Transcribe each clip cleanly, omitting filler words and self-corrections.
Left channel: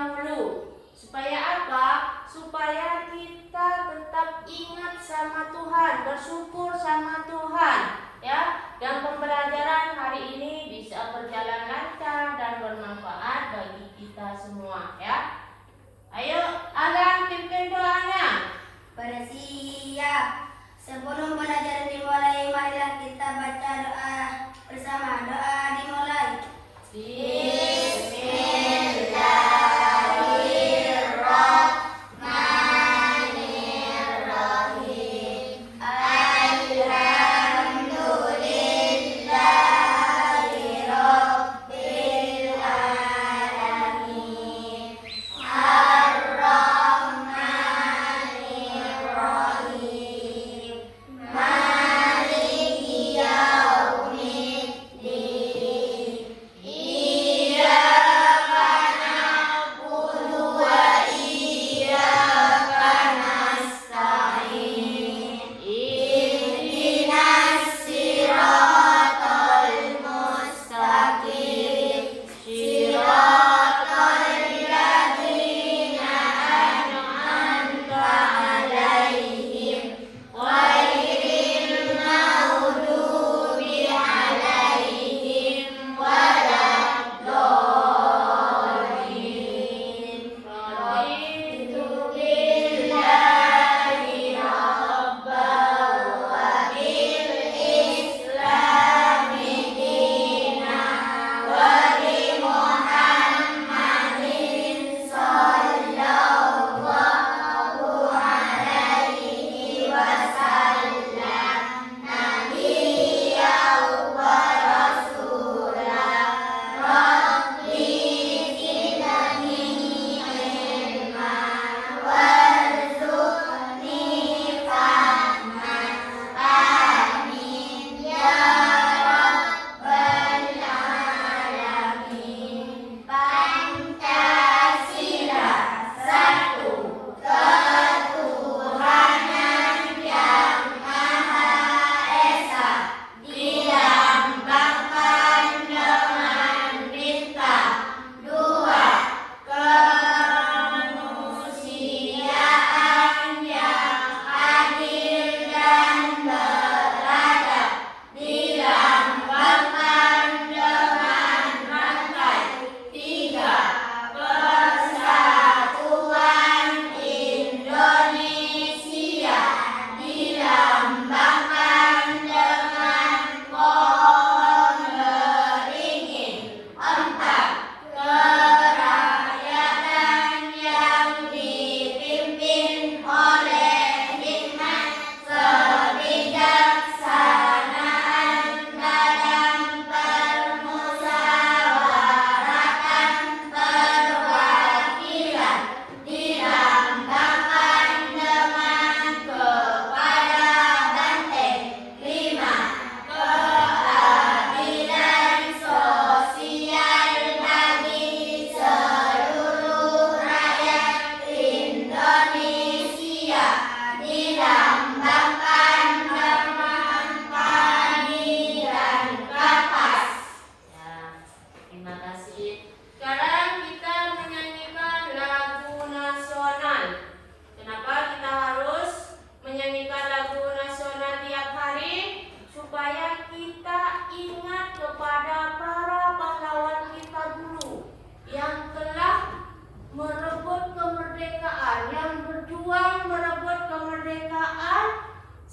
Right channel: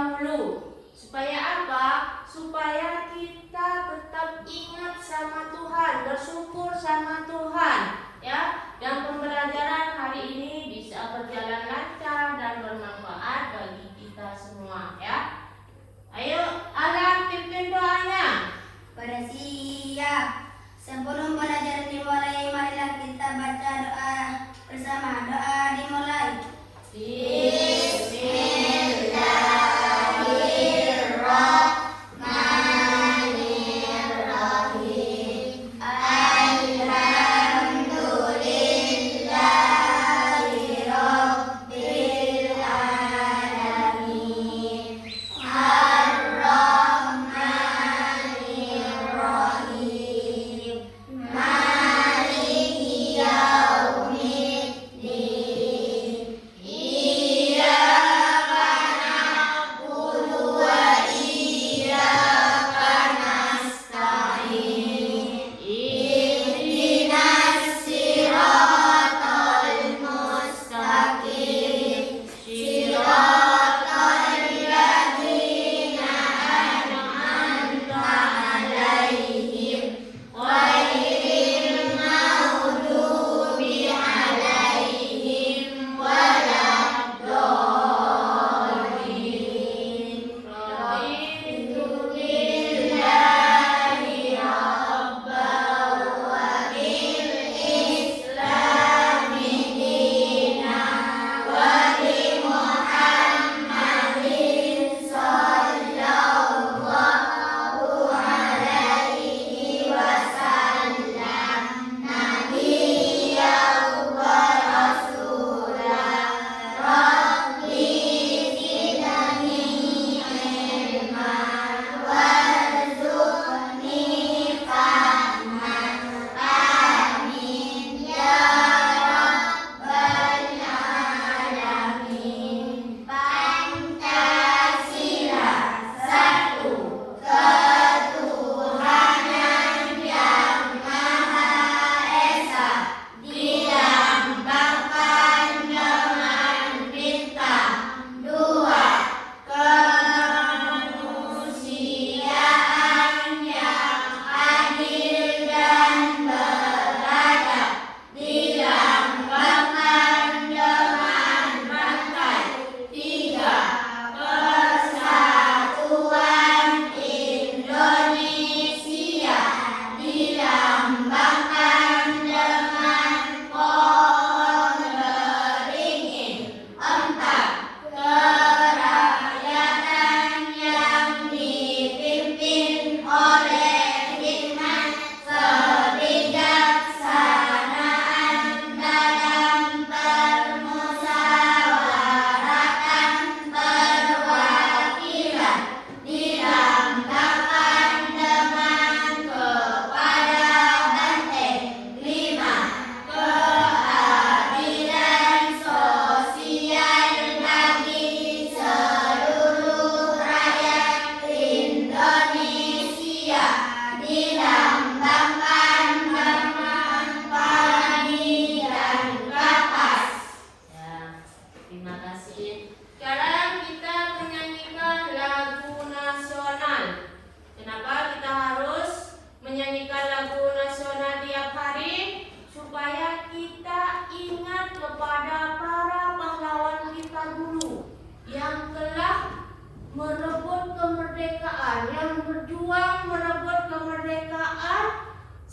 dahulu. Supaya apa? Supaya kita tetap ingat sama Tuhan, bersyukur sama Tuhan, ya. Dan pembelajaran hari ini bisa berjalan lancar dan bermanfaat bagi kita semua, ya. Ayo, Alam pimpin doanya. Siap. Sebelum belajar dimulai, marilah kita baca doa bersama. Doa dimulai.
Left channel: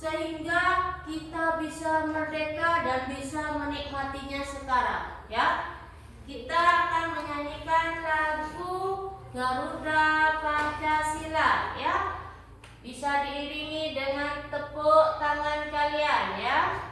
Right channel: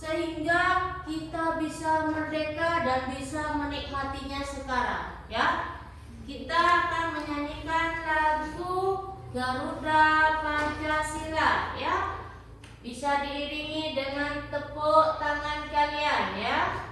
sehingga kita bisa merdeka dan bisa menikmatinya sekarang, ya. Kita akan menyanyikan lagu Garuda Pancasila, ya. Bisa diiringi dengan tepuk tangan kalian, ya.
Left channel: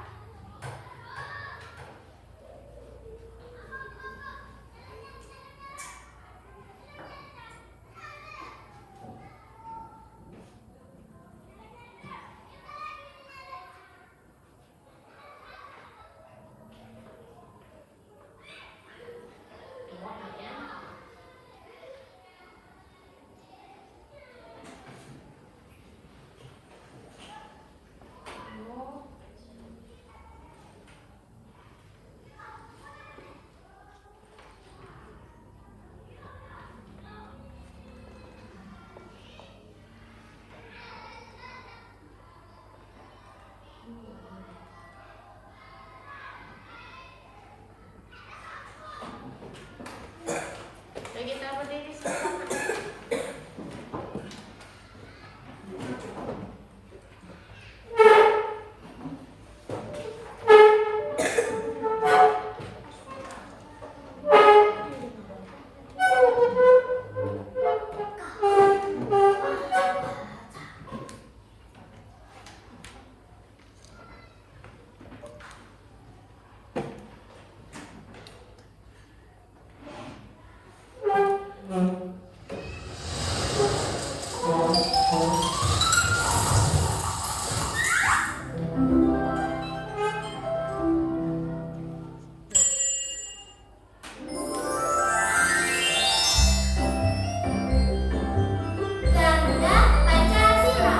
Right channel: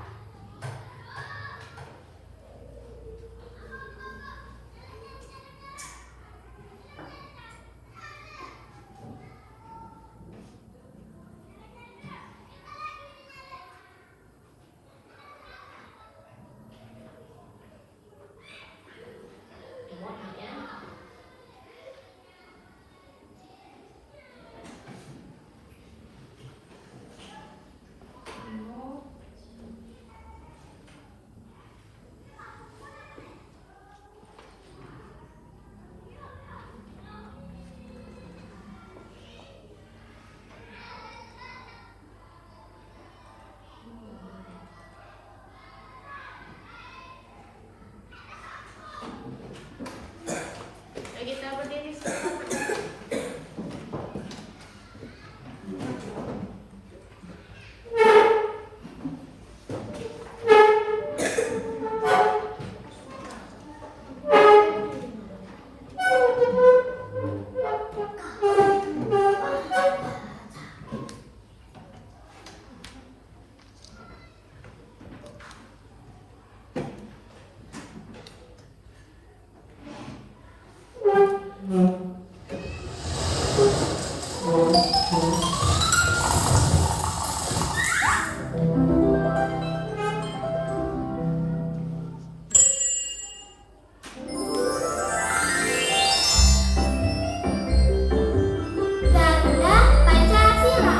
Garuda Pancasila.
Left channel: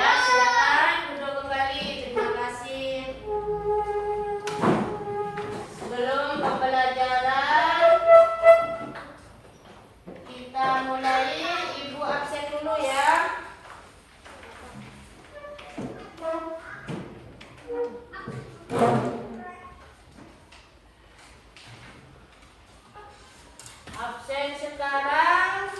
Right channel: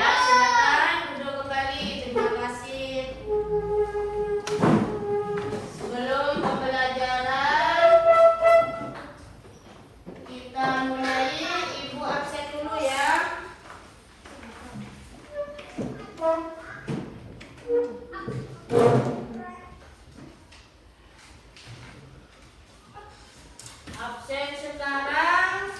Ya, silakan duduk kembali. Terima kasih. Sebelum pembelajaran kita mulai, Ibu absen dulu ya. Absen sekarang.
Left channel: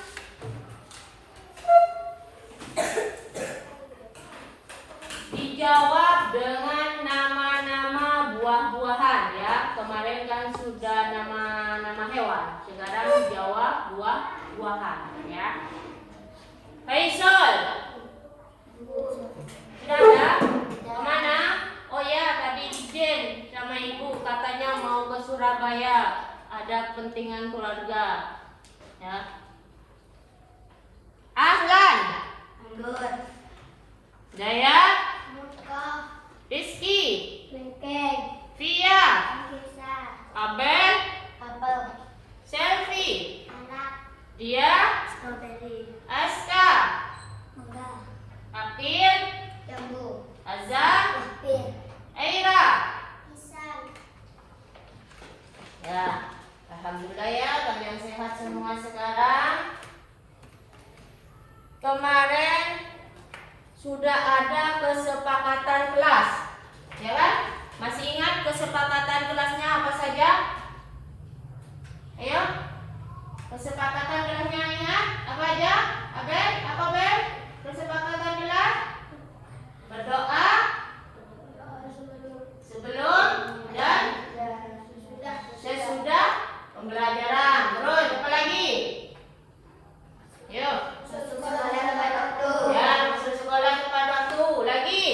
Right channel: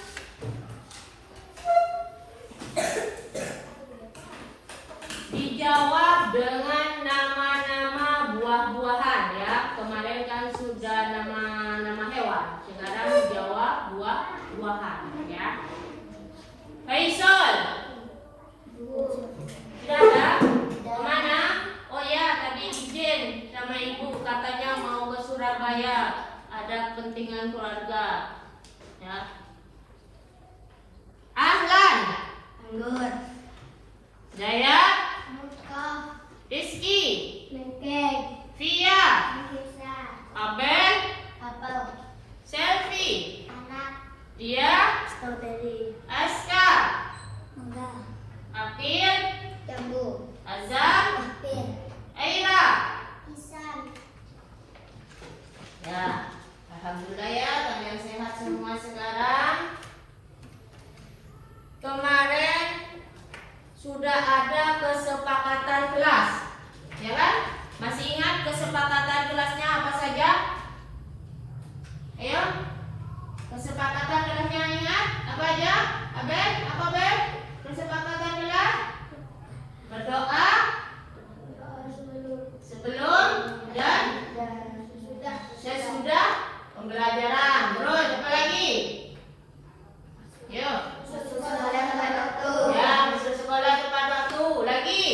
Dijawab dengan nama-nama buah-buahan ya. Kemarin kan sudah nama-nama hewan. Sekarang dijawab buah-buahan ya. Faisal. Tidak ada? Kemana? Oh ya, tadi izin sama ibu katanya mau ke Surabaya. Ada kepentingan keluarga. Ya. Ahlan. Anggur. Jaya. Muka. Rizky. Lengkeng. Via. Bisa. Abel. Apel. Selfie. Anak. Dia. Strawberry. Aska. Mangga. Akil. Jambu. Azam. Apel. Aira. Pisang. Ya, alhamdulillah ya, kalian sehat semua sekarang. Kemarin sudah ada kesepakatan kelas, ya kan? Masih ingat kesepakatan kelasnya apa saja? Ayo, kesepakatan kelasnya ingat? Apa aja? Abel, apa Abel? Kesepakatan kelas? Berdoa sebelum dan sesudah pembelajaran. Terus apa lagi? Yuk. Ya, masuk sekolah tepat waktu. Lagi?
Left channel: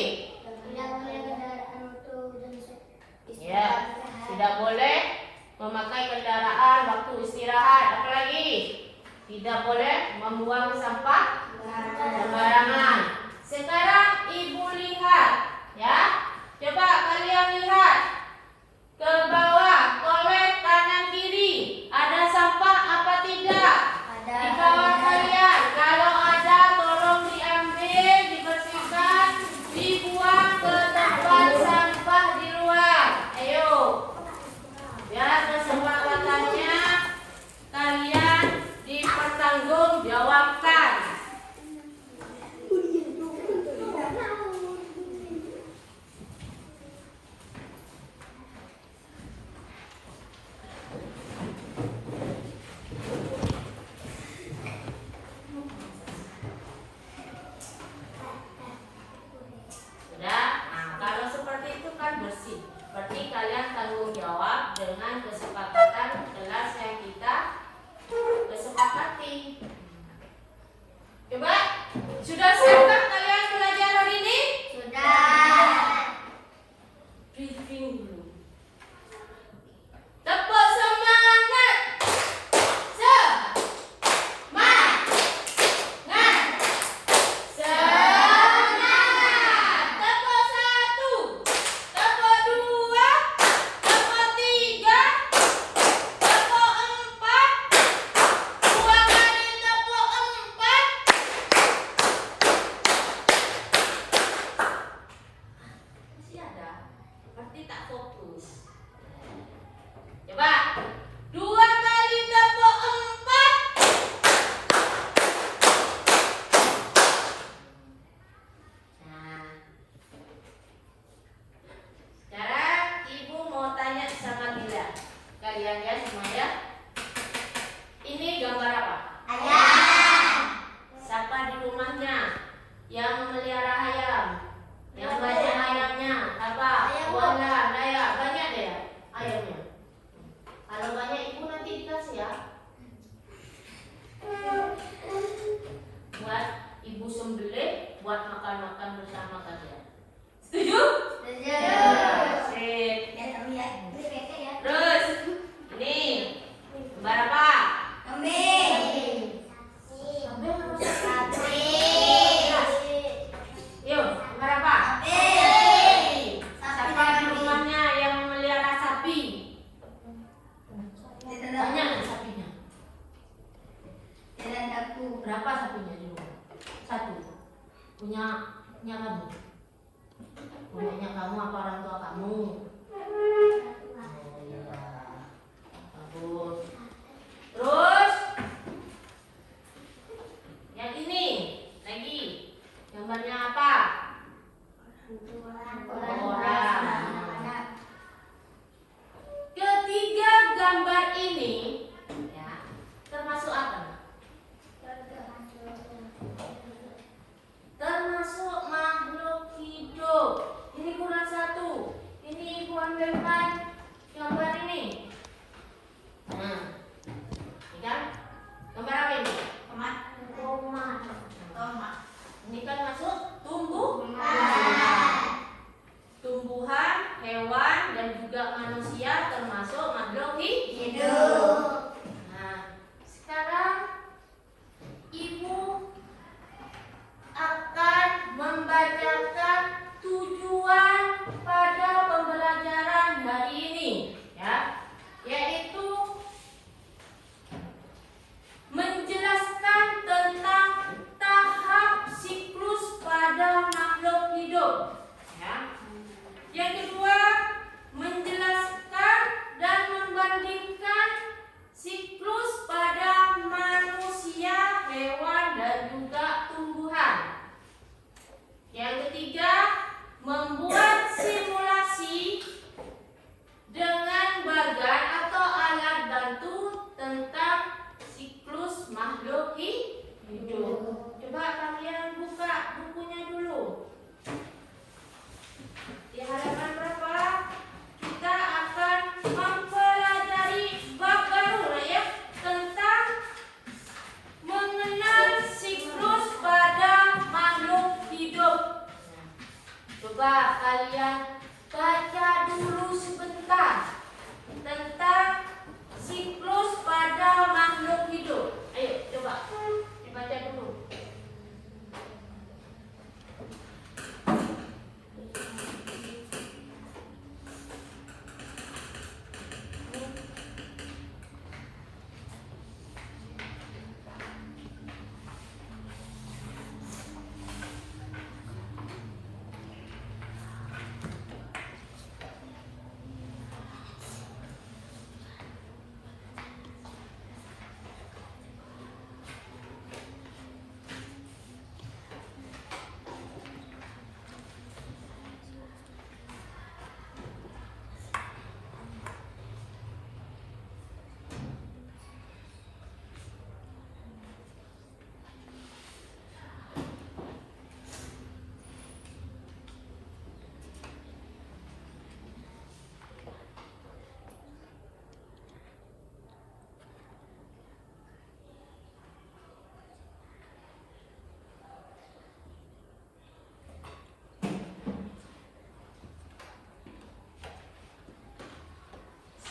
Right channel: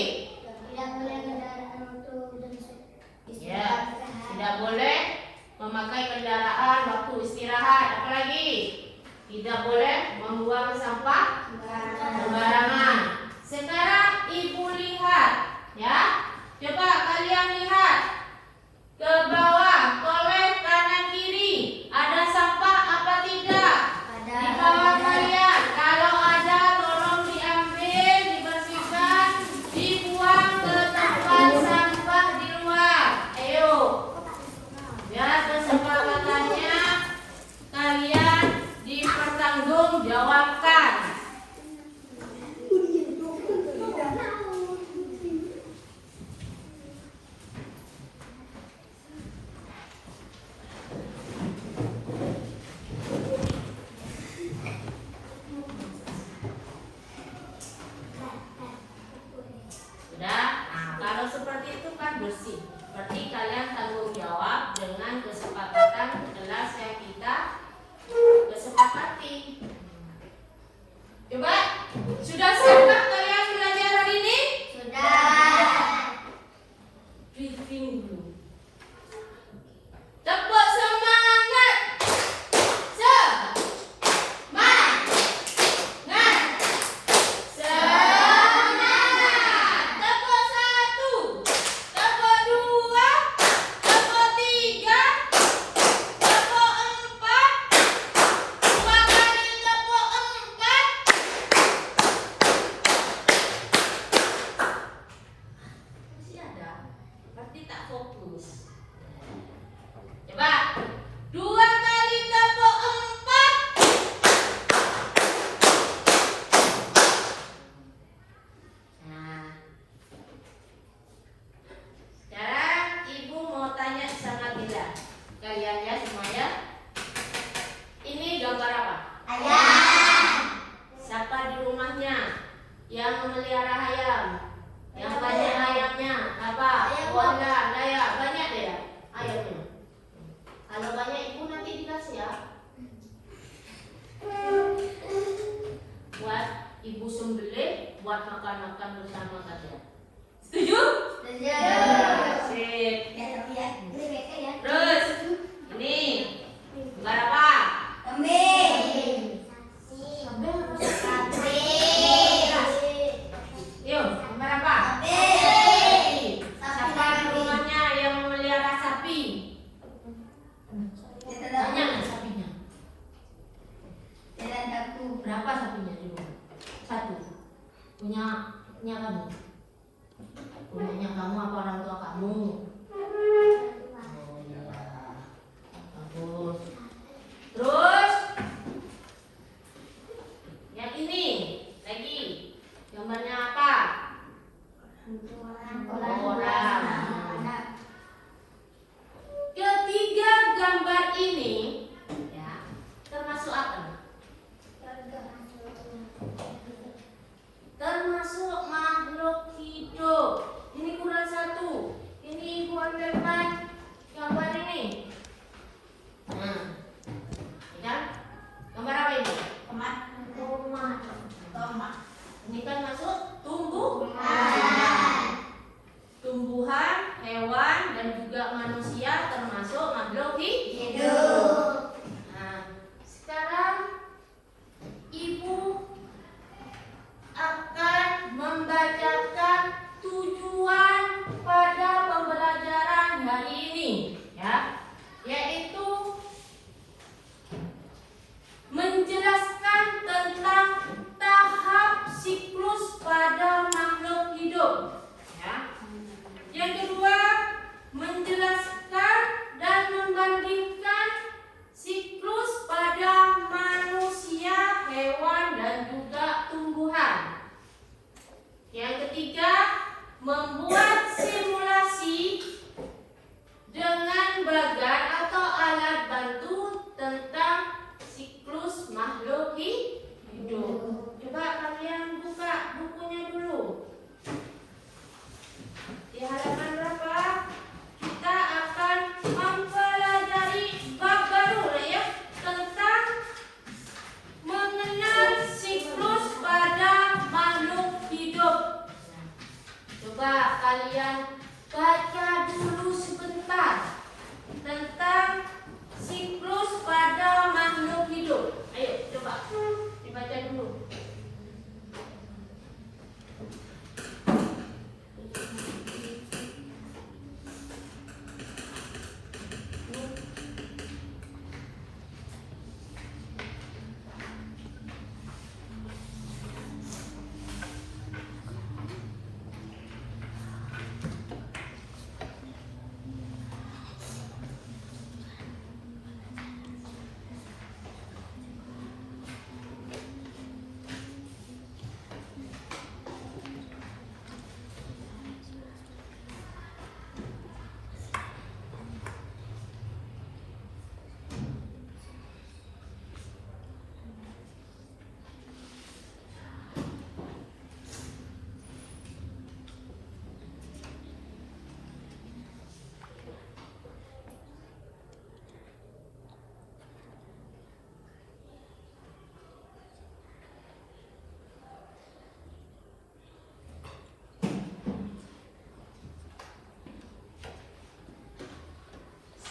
Ya, tidak boleh memakai kendaraan waktu istirahat. Apa lagi? Tidak boleh membuang sampah sembarangan. Sekarang ibu lihat, ya. Coba kalian lihat ke bawah, toilet kanan kiri. Ada sampah apa tidak? Di bawah kalian. Kalau ada, tolong diambil, dibersihkan, dibuang ke tempat sampah di luar. Ayo. Biar kesepakatannya kalian dipertanggungjawabkan. kalian ya semuanya. Ini gambar apa? Ayam. Siapa di rumahnya yang memelihara ayam? Yang banyak ayamnya apa? Wala, Naya, banyak deh ya ayamnya. Kalau banyak ibu nanti dikasih ya. Buat ibu sembelih, buat makan-makan bersama kalian. Setuju? Sip. Terus ini gambar apa? Yuk, gambar apa? Siapa di rumahnya yang memelihara sapi? Banyak nih sapinya. Berapa sapinya di rumah? Satu. Punya kamu. Punyanya kamu apa orang tua kamu? Oh iya. Bagus. Terus yang ini lagi gambarnya apa? Orang. Ketiga gambar ini ya termasuk apa? Termasuk makhluk hidup. Ini kurang satu. Ini kurang dengan gambar ini. Nah, ini kan gambar apa ini? Tomat. Ini kan masuk tumbuhan, hewan, dan juga manusia termasuk makhluk hidup. Nah, sekarang ibu akan membacakan tujuan pada pembelajaran hari ini, ya, yaitu menjelaskan tentang tahap siklus pada makhluk hidup. Ya. Yang kedua, menjelaskan dan membandingkan siklus pada manusia, hewan, dan juga tumbuhan. Yang ketiga, membuat simulasi dengan bagan atau alat bantu tentang siklus makhluk hidup. Coba kalian buka bukunya dulu. Di halaman berapa? Kita akan mempelajari bab baru ya tentang mengenal siklus pada makhluk hidup. Coba kalian baca dulu sebentar tentang siklus pada makhluk hidup. Ayo coba dibaca dulu.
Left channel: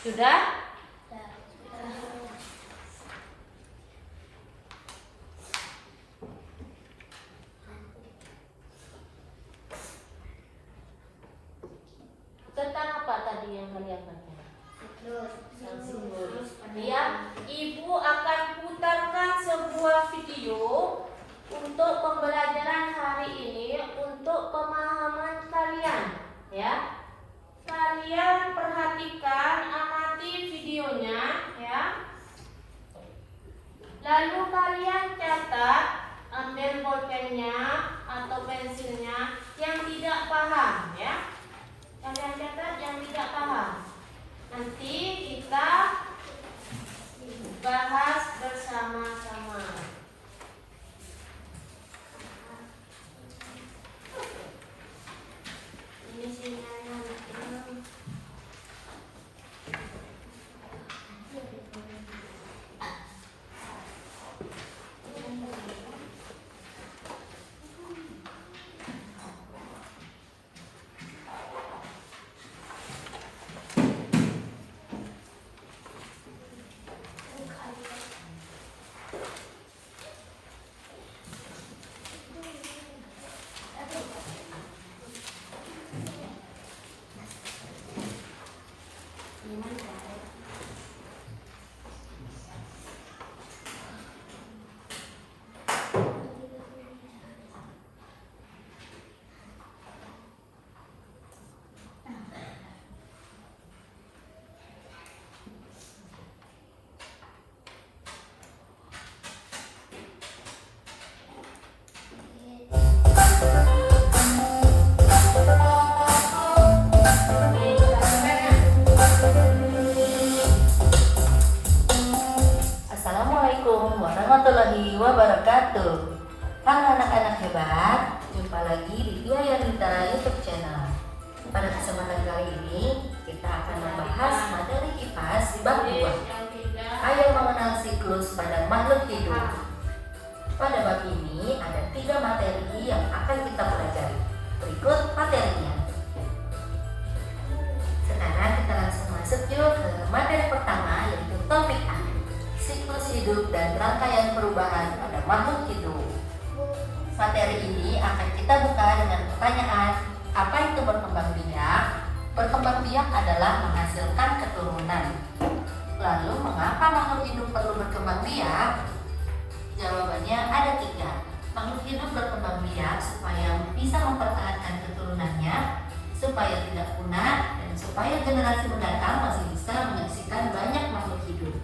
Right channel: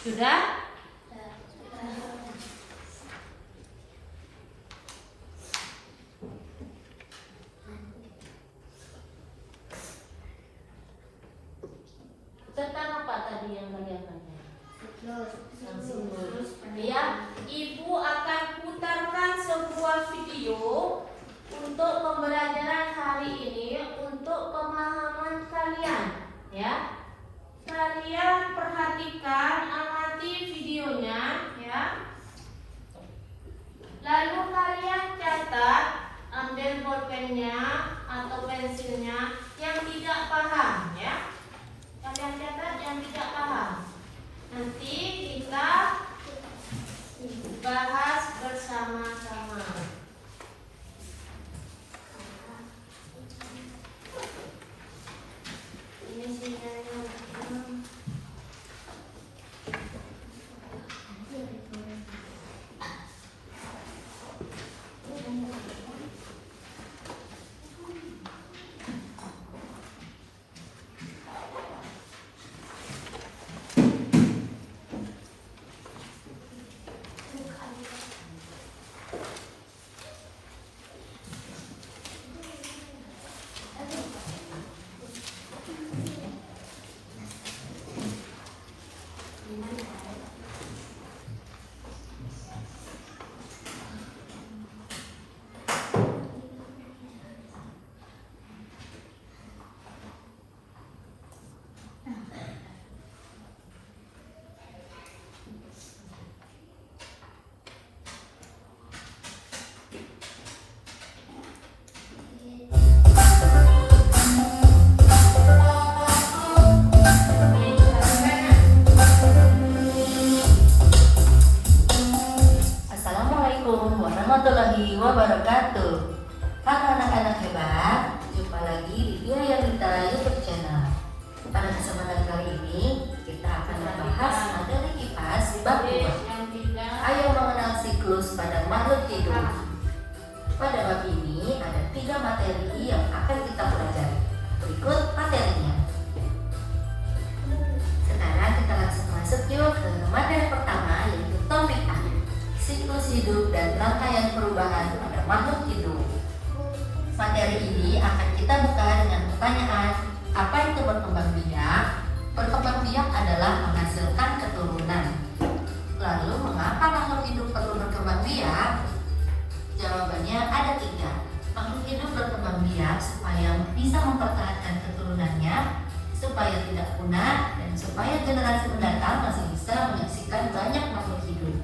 Sudah? Tentang apa tadi yang kalian tanya? Ya, ibu akan putarkan sebuah video untuk pembelajaran hari ini untuk pemahaman kalian, ya. Kalian perhatikan, amati videonya, ya. siklus pada makhluk hidup. Pada bab ini ada 3 materi yang akan kita pelajari. Berikut materinya. Sekarang kita langsung masuk yuk ke materi pertama, yaitu topik A, siklus hidup dan rangkaian perubahan pada makhluk hidup. Materi ini akan kita buka dengan pertanyaan, apa itu berkembang biak? Berkembang biak adalah menghasilkan keturunan. Lalu mengapa makhluk hidup perlu berkembang biak? Jawabannya ada 3. Makhluk hidup berkembang biak supaya bisa mempertahankan keturunannya, supaya tidak punah, dan supaya generasi mendatang masih bisa menyaksikan banyak makhluk hidup.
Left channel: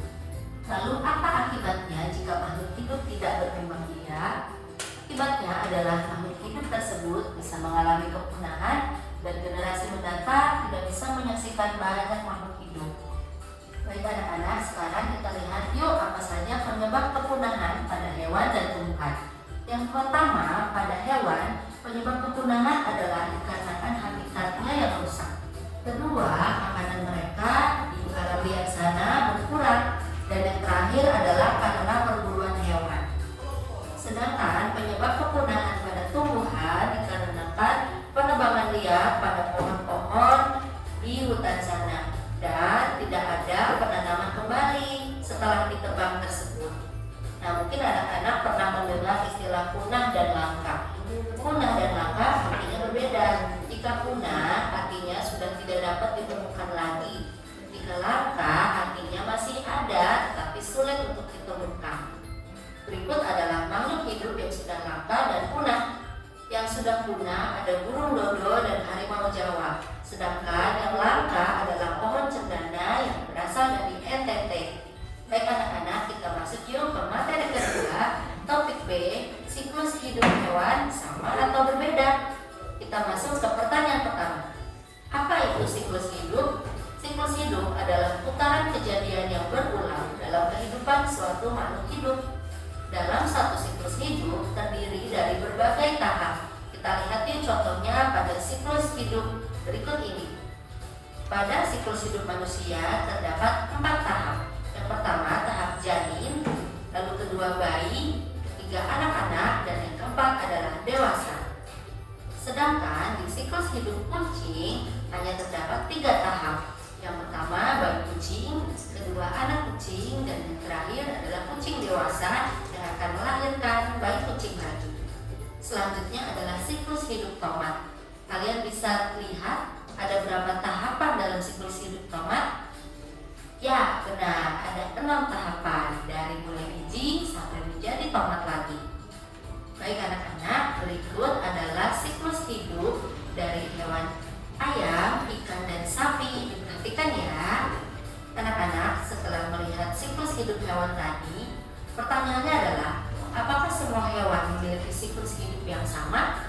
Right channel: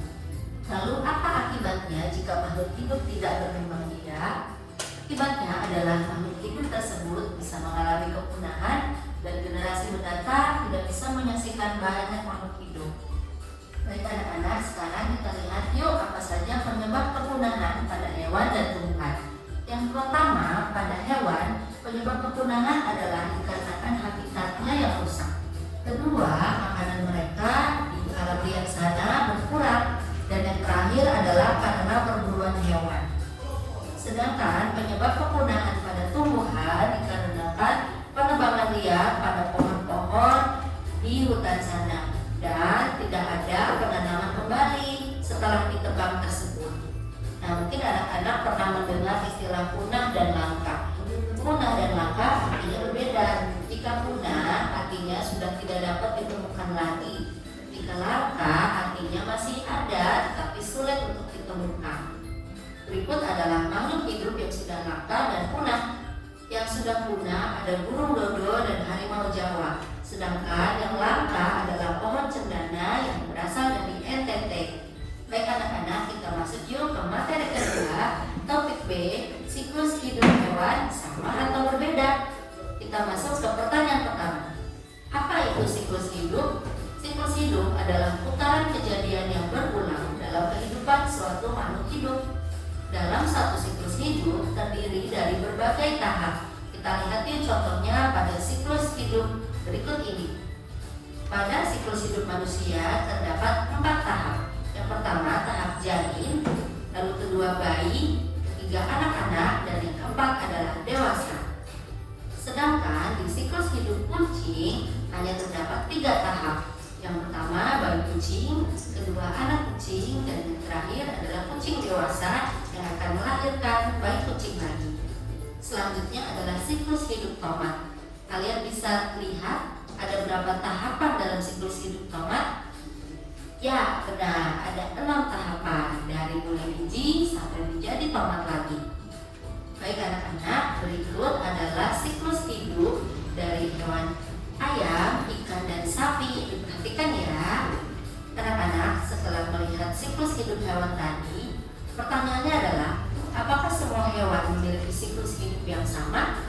Lalu apa akibatnya jika makhluk hidup tidak berkembang biak? Akibatnya adalah makhluk hidup tersebut bisa mengalami kepunahan dan generasi mendatang tidak bisa menyaksikan banyak makhluk hidup. Baik anak-anak, sekarang kita lihat yuk apa saja penyebab kepunahan pada hewan dan tumbuhan. Yang pertama, pada hewan, penyebab kepunahan adalah dikarenakan habitatnya yang rusak. Kedua, makanan mereka di alam liar sana berkurang. Dan yang terakhir adalah karena perburuan hewan. Sedangkan penyebab kepunahan pada tumbuhan dikarenakan penebangan liar pada pohon-pohon di hutan sana dan tidak ada penanaman kembali setelah ditebang tersebut. Nah, mungkin anak-anak pernah mendengar istilah punah dan langka. Punah dan langka artinya berbeda. Jika punah artinya sudah tidak dapat ditemukan lagi. Jika langka artinya masih ada tapi sulit untuk ditemukan. Berikut adalah makhluk hidup yang sudah langka dan punah. Yang sudah punah ada burung dodo dan harimau Jawa. Sedangkan yang langka adalah pohon cendana yang berasal dari NTT. Baik anak-anak, kita masuk yuk ke materi kedua, topik B, siklus hidup hewan sama atau berbeda. Kita masuk ke pertanyaan pertama. Apa itu siklus hidup? Siklus hidup adalah putaran kejadian yang berulang dalam kehidupan suatu makhluk hidup. Dalam satu siklus hidup terdiri dari berbagai tahap. Kita lihat yuk contohnya pada siklus hidup berikut ini. Pada siklus hidup manusia terdapat 4 tahap. Yang pertama tahap janin, lalu kedua bayi, ketiga anak-anak, dan yang keempat adalah dewasa. Sedangkan di siklus hidup kucing hanya terdapat 3 tahap. Yang pertama bayi kucing, kedua anak kucing, dan yang terakhir adalah kucing dewasa yang akan melahirkan bayi kucing lagi. Selanjutnya adalah siklus hidup tomat. Kalian bisa lihat ada berapa tahapan dalam siklus hidup tomat? Ya, benar, ada 6 tahapan dari mulai biji sampai menjadi tomat lagi. Baik anak-anak, berikut adalah siklus hidup dari hewan ayam, ikan, dan sapi. Perhatikan ya. Anak-anak, setelah melihat siklus hidup hewan tadi, pertanyaannya adalah, apakah semua hewan memiliki siklus hidup yang sama?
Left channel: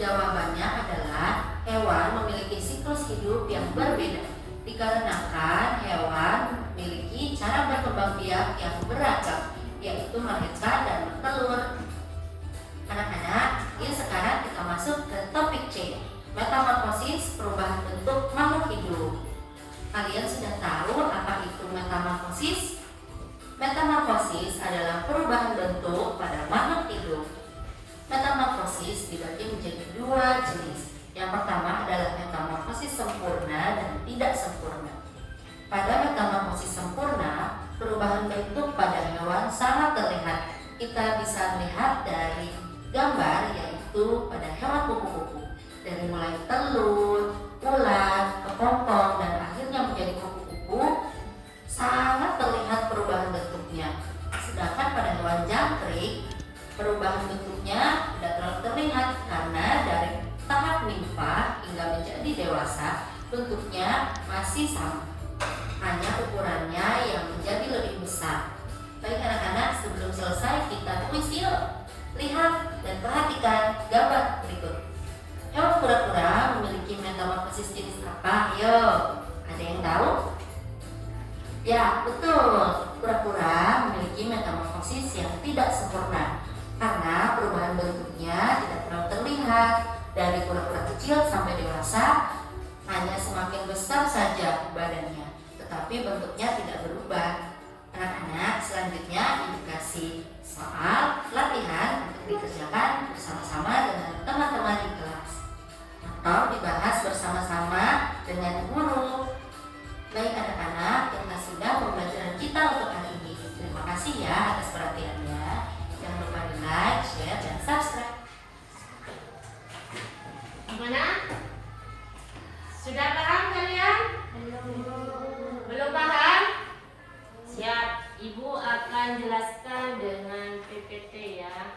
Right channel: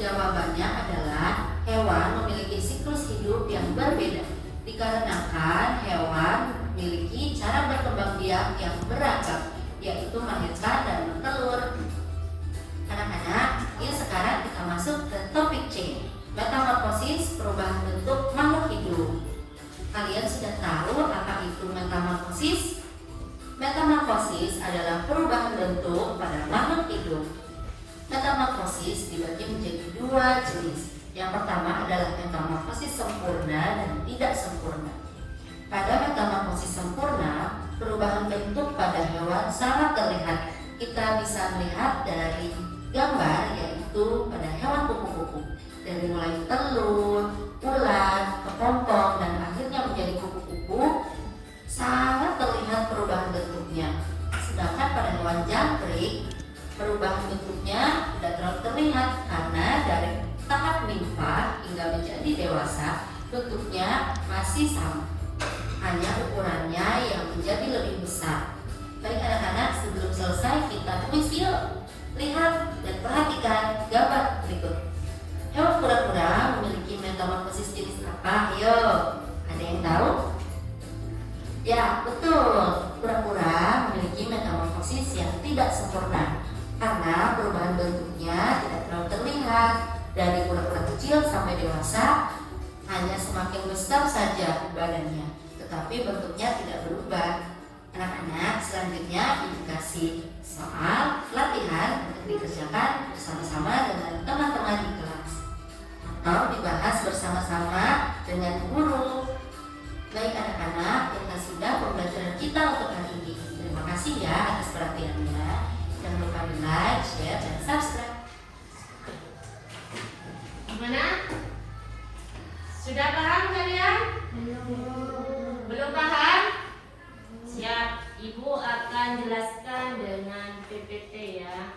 Jawabannya adalah hewan memiliki siklus hidup yang berbeda. Dikarenakan hewan memiliki cara berkembang biak yang beragam, yaitu melahirkan dan bertelur. Anak-anak, yuk sekarang kita masuk ke topik C, metamorfosis, perubahan bentuk makhluk hidup. Kalian sudah tahu apa itu metamorfosis? Metamorfosis adalah perubahan bentuk pada makhluk hidup. Metamorfosis dibagi menjadi 2 jenis. Yang pertama adalah metamorfosis sempurna dan tidak sempurna. Pada metamorfosis sempurna, perubahan bentuk pada hewan sangat terlihat. Kita bisa melihat dari gambar, yaitu pada hewan kupu-kupu. Dari mulai telur, ular, kepompong, dan akhirnya menjadi kupu-kupu, sangat terlihat perubahan bentuknya. Sedangkan pada hewan jangkrik, perubahan bentuknya tidak terlalu terlihat karena dari tahap nimfa hingga menjadi dewasa bentuknya masih sama, hanya ukurannya yang menjadi lebih besar. Baik anak-anak, sebelum selesai kita kuis yuk. Lihat dan perhatikan gambar berikut. Hewan kura-kura memiliki metamorfosis jenis apa? Ayo, ada yang tahu? Ya, betul. Kura-kura memiliki metamorfosis yang tidak sempurna karena perubahan bentuknya tidak terlalu terlihat. Dari kura-kura kecil sampai dewasa hanya semakin besar saja badannya, tetapi bentuknya tidak berubah. Anak-anak, selanjutnya soal latihan untuk dikerjakan bersama-sama dengan teman-teman di kelas atau dibahas bersama-sama dengan guru. Baik anak-anak, kita sudah pembelajaran kita untuk hari ini. Terima kasih ya atas perhatiannya. Jangan lupa di like, share, dan subscribe. Gimana? Sudah paham kalian? Belum paham? Siap, Ibu akan jelaskan dengan PPT ya.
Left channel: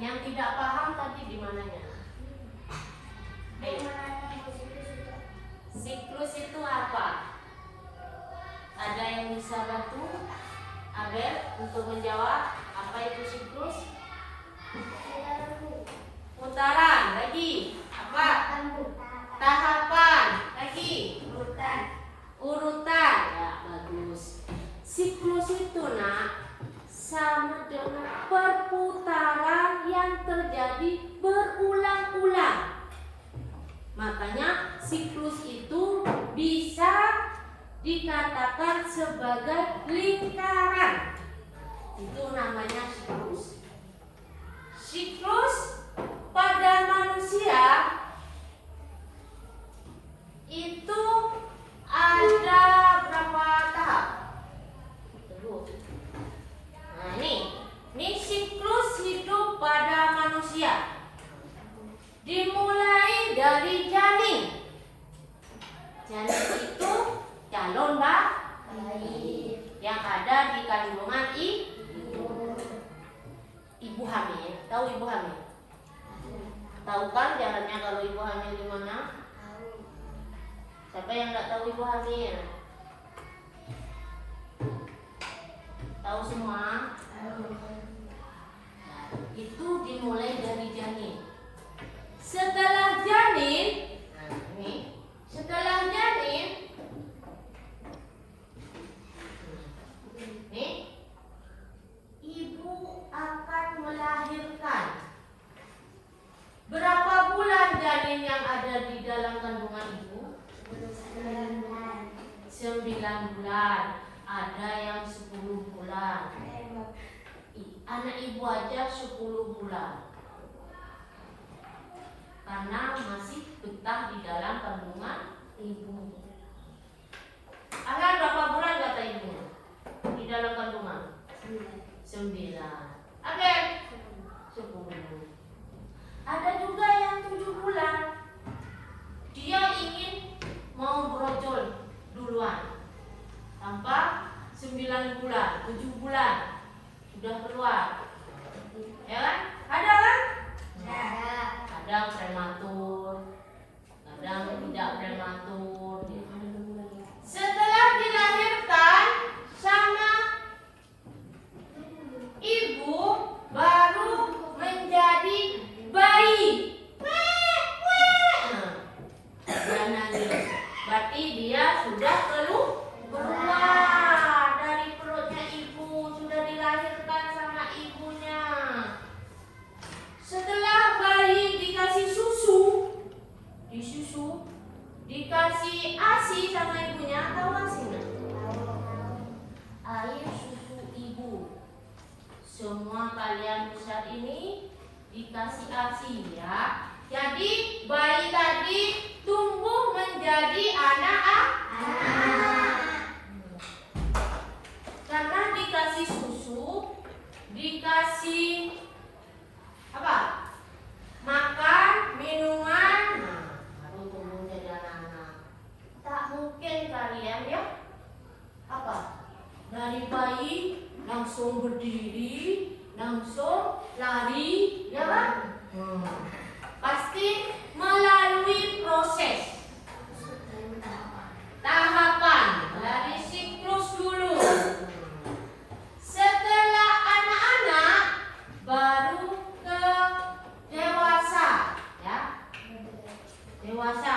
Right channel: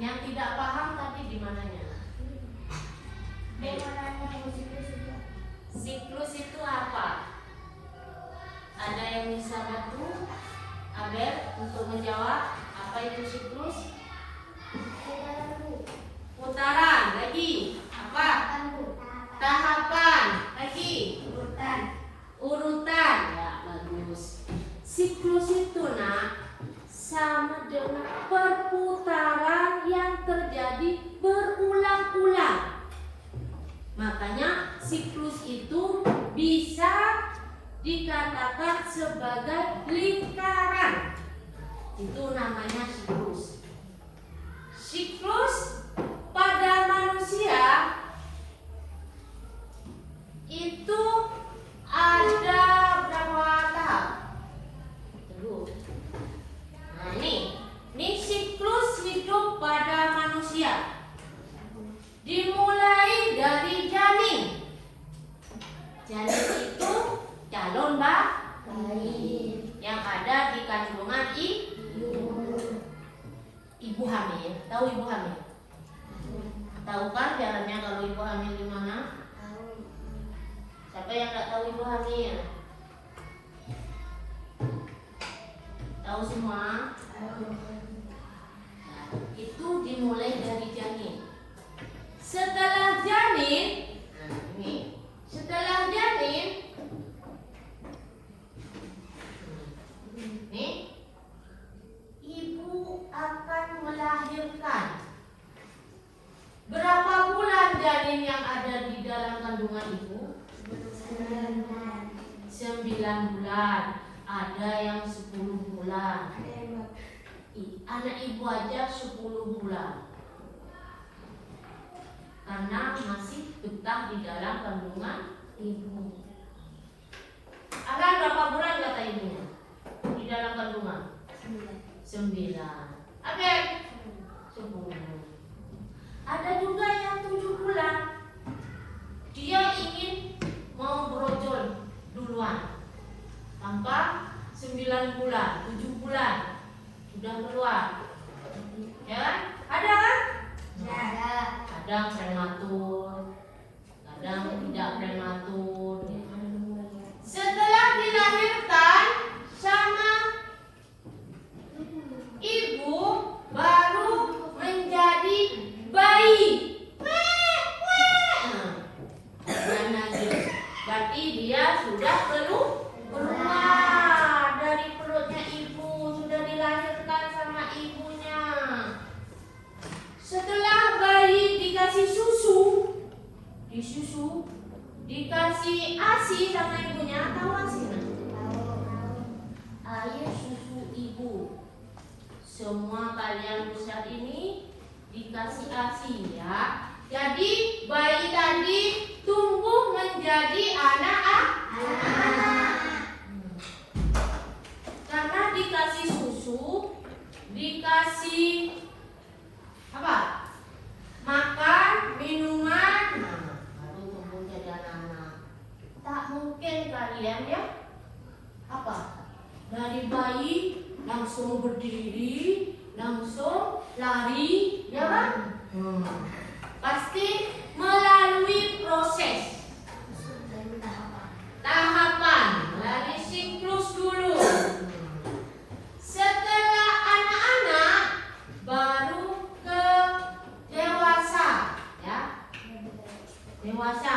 Yang tidak paham tadi di mananya? Siklus itu apa? Ada yang bisa bantu? Abel untuk menjawab apa itu siklus? Putaran lagi. Apa? Tahapan lagi. Urutan. Ya, bagus. Siklus itu sama dengan perputaran yang terjadi berulang-ulang. Makanya siklus itu bisa dikatakan sebagai lingkaran. Itu namanya siklus. Siklus pada manusia itu ada berapa tahap? Nah ini siklus hidup pada manusia. Dimulai dari janin. Janin itu calon bayi yang ada di kandungan ibu hamil. Tahu ibu hamil? Tahu kan caranya kalau ibu hamil gimana? Siapa yang nggak tahu ibu hamil? Tahu semua? Itu dimulai dari janin. Setelah janin, setelah janin, ibu akan melahirkan. Berapa bulan janin yang ada di dalam kandungan ibu? 9 bulan. Ada yang 10 bulan. Anak ibu aja 10 bulan. Karena masih betah di dalam kandungan ibu. Anak berapa bulan kata ibunya? Di dalam kandungan? 9. Abel? 10. Ada juga yang 7 bulan. Dia ingin mau brojol duluan. Tanpa 9 bulan, 7 bulan sudah keluar. Ya kan? Ada kan? Kadang prematur, kadang tidak prematur. Setelah dilahirkan sama ibu baru menjadi bayi. Berarti dia sudah keluar dari perutnya ibu, sudah dilahirkan sama ibunya. Setelah bayi dikasih susu, dikasih ASI sama ibunya, tahu ASI nggak? Air susu ibu. Semua kalian besar ini dikasih ASI ya. Jadi bayi tadi tumbuh menjadi anak. Karena dikasih susu, dikasih apa? Makan, minuman, baru tumbuh jadi anak-anak. Tak mungkin kalian ya apa? Dari bayi langsung berdiri, langsung lari, ya kan? Pasti melalui proses tahapan, melalui siklus dulu. Setelah anak-anak baru ke dewasa, ya. Dewasa.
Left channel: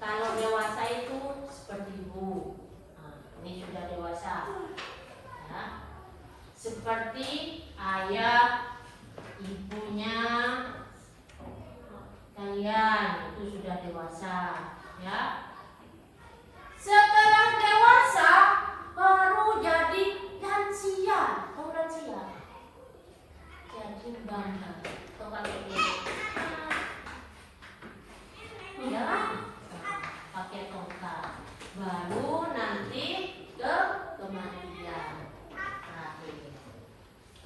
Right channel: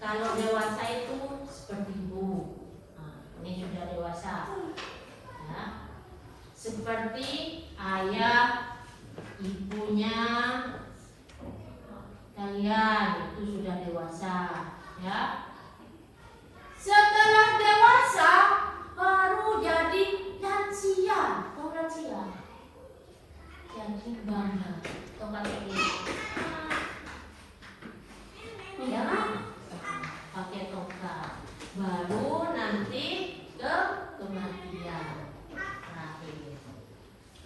Kalau dewasa itu seperti ibu. Nah, ini sudah dewasa. Ya. Seperti ayah, ibunya kalian itu sudah dewasa. Ya. Setelah dewasa baru jadi lansia. Tahu lansia? Yang bandar. Tomat ini. Ya, pakai tongkat. Baru nanti ke kematian.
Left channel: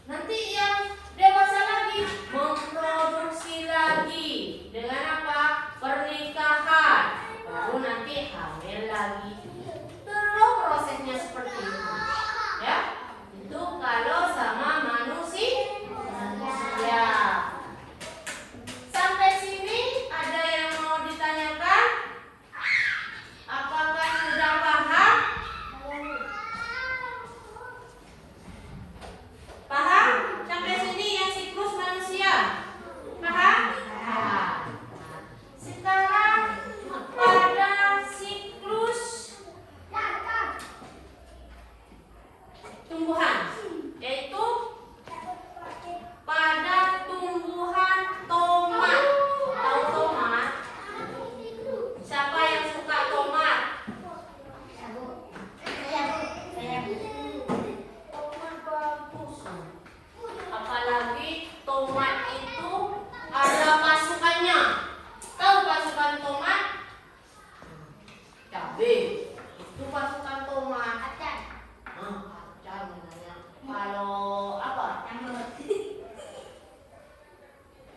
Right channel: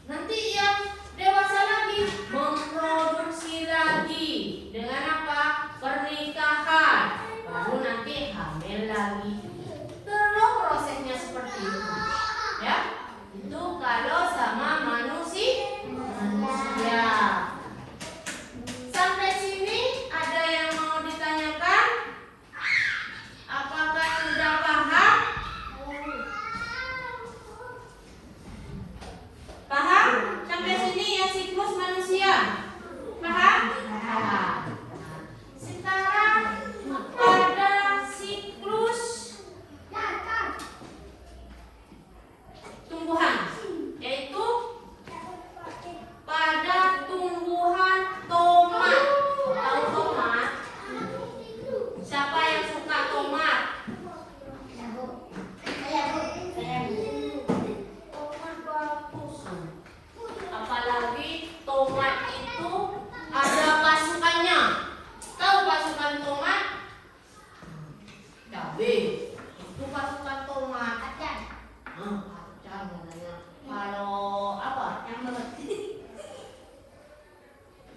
Nanti yang dewasa lagi memproduksi lagi dengan apa? Pernikahan. Baru nanti hamil lagi. Terus prosesnya seperti itu. Ya, itu kalau sama manusia. Sampai sini ada yang mau ditanyakan? Apakah sudah paham? Paham? Sampai sini yang siklus manusia. Paham? Paham. Sekarang pada siklus tumbuhan, yaitu pada tumbuhan tomat. Tahu tomat? Siapa yang suka tomat? Tomat bagus. Apalagi tomat itu ada pasukannya. Tahu pasukan tomat? Cabai. Itu pasukan tomat. Kacang namanya. Kalau apa?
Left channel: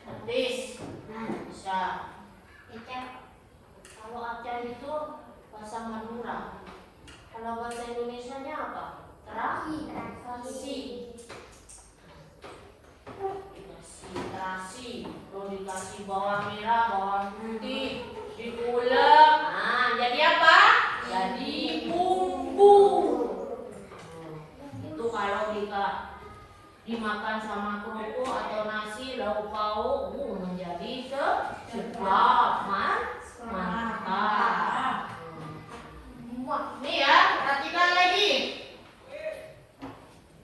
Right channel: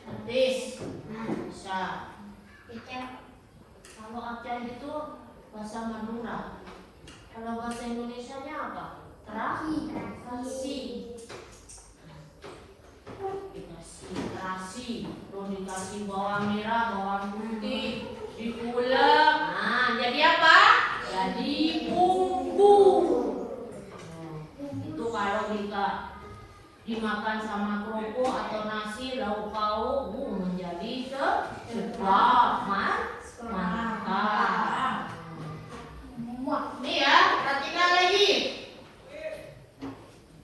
Petis. Bisa. Kalau acar itu bahasa Madura. Kalau bahasa Indonesianya apa? Terasi. Terasi. Belum dikasih bawang merah, bawang putih, diulek. Nah, jadi apa? Jadi bumbu. Itu kalau dimakan sama kerupuk atau nasi lauk pauk menjadi sedap, mantap. Nih ya, perhatikan lagi.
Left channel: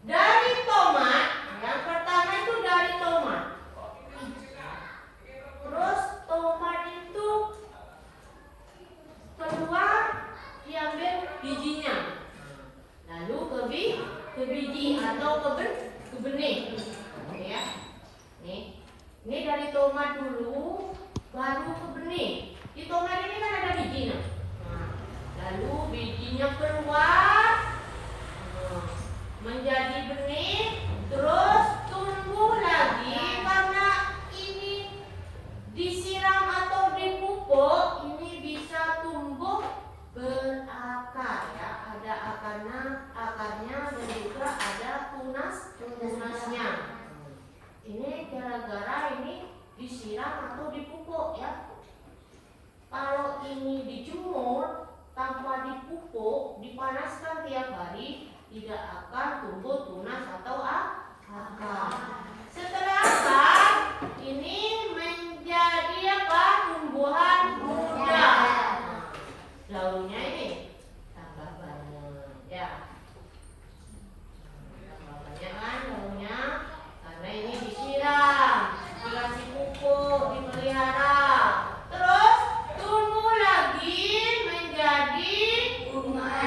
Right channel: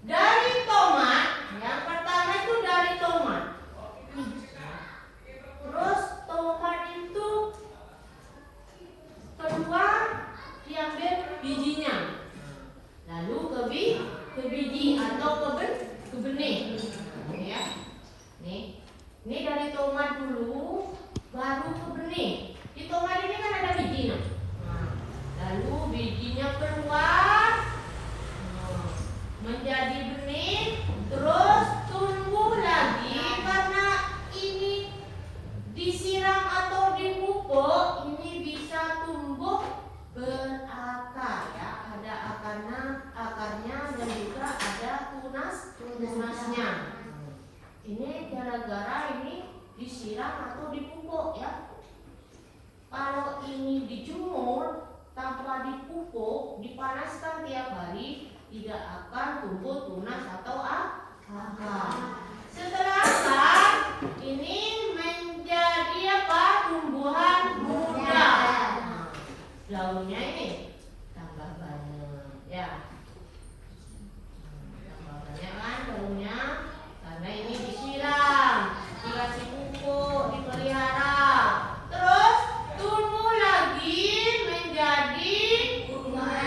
Dari tomat, yang pertama itu dari tomat. Terus tomat itu keluar diambil bijinya. Lalu ke biji atau ke benih. Ya. Nih. Ini dari tomat dulu baru ke benih. Di tomat ini kan ada bijinya. Lalu bijinya keluar menjadi benih, terus tumbuh lagi karena ini disiram atau dipupuk, ini bisa tumbuh berakar ya, ada akarnya dan juga ada tunasnya. Ini gara-gara ini disiram atau dipupuk ya. Kalau ini dijemur tanpa dipupuk, dipanaskan tiap hari, tidak akan tumbuh tunas atau akar. Setelah akar, ini menjadi apa? Tumbuhan muda. Daunnya ini tambah banyak, ya. Tambah banyak kan daunnya, karena ini disiram, dikasih pupuk, dipelihara. Terus tumbuh lagi menjadi bunga.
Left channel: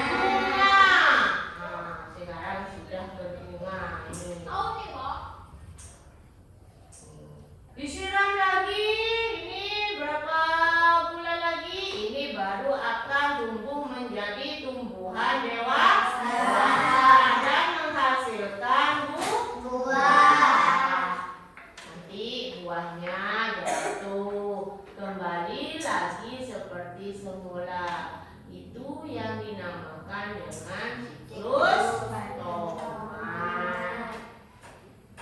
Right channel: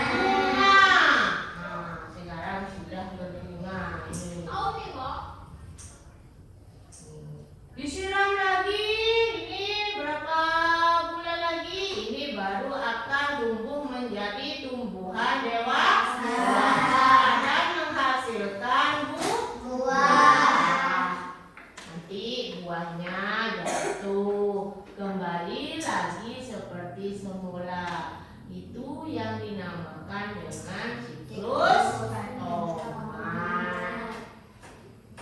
Sekarang sudah berbunga ini. Disiram lagi, ini berapa bulan lagi? Ini baru akan tumbuh menjadi tumbuhan dewasa dan menghasilkan buah. Nanti buahnya jatuh kembali lagi seperti semula. Itu yang dinamakan dengan siklus tomat.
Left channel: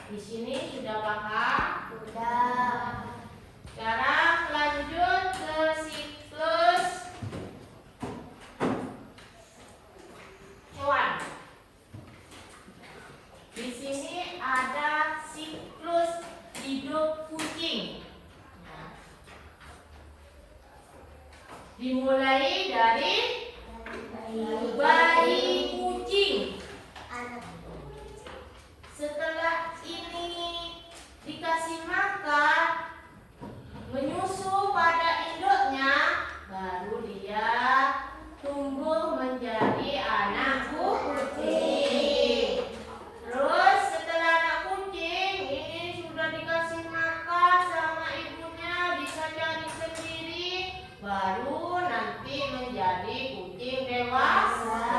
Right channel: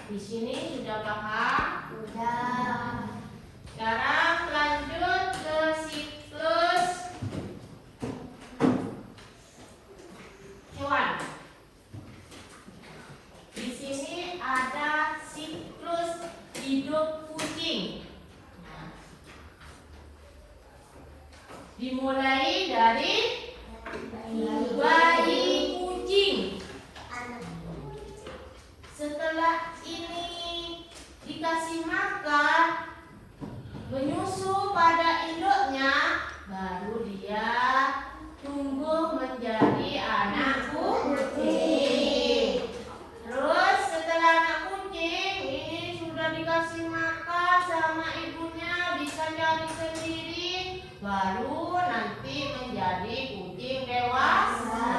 Di sini sudah paham? Sudah. Sekarang lanjut ke siklus hewan. Di sini ada siklus hidup kucing. Dimulai dari bayi kucing. Setelah ini dikasih makan, menyusu pada induknya, baru dia baru nanti menjadi kucing dewasa.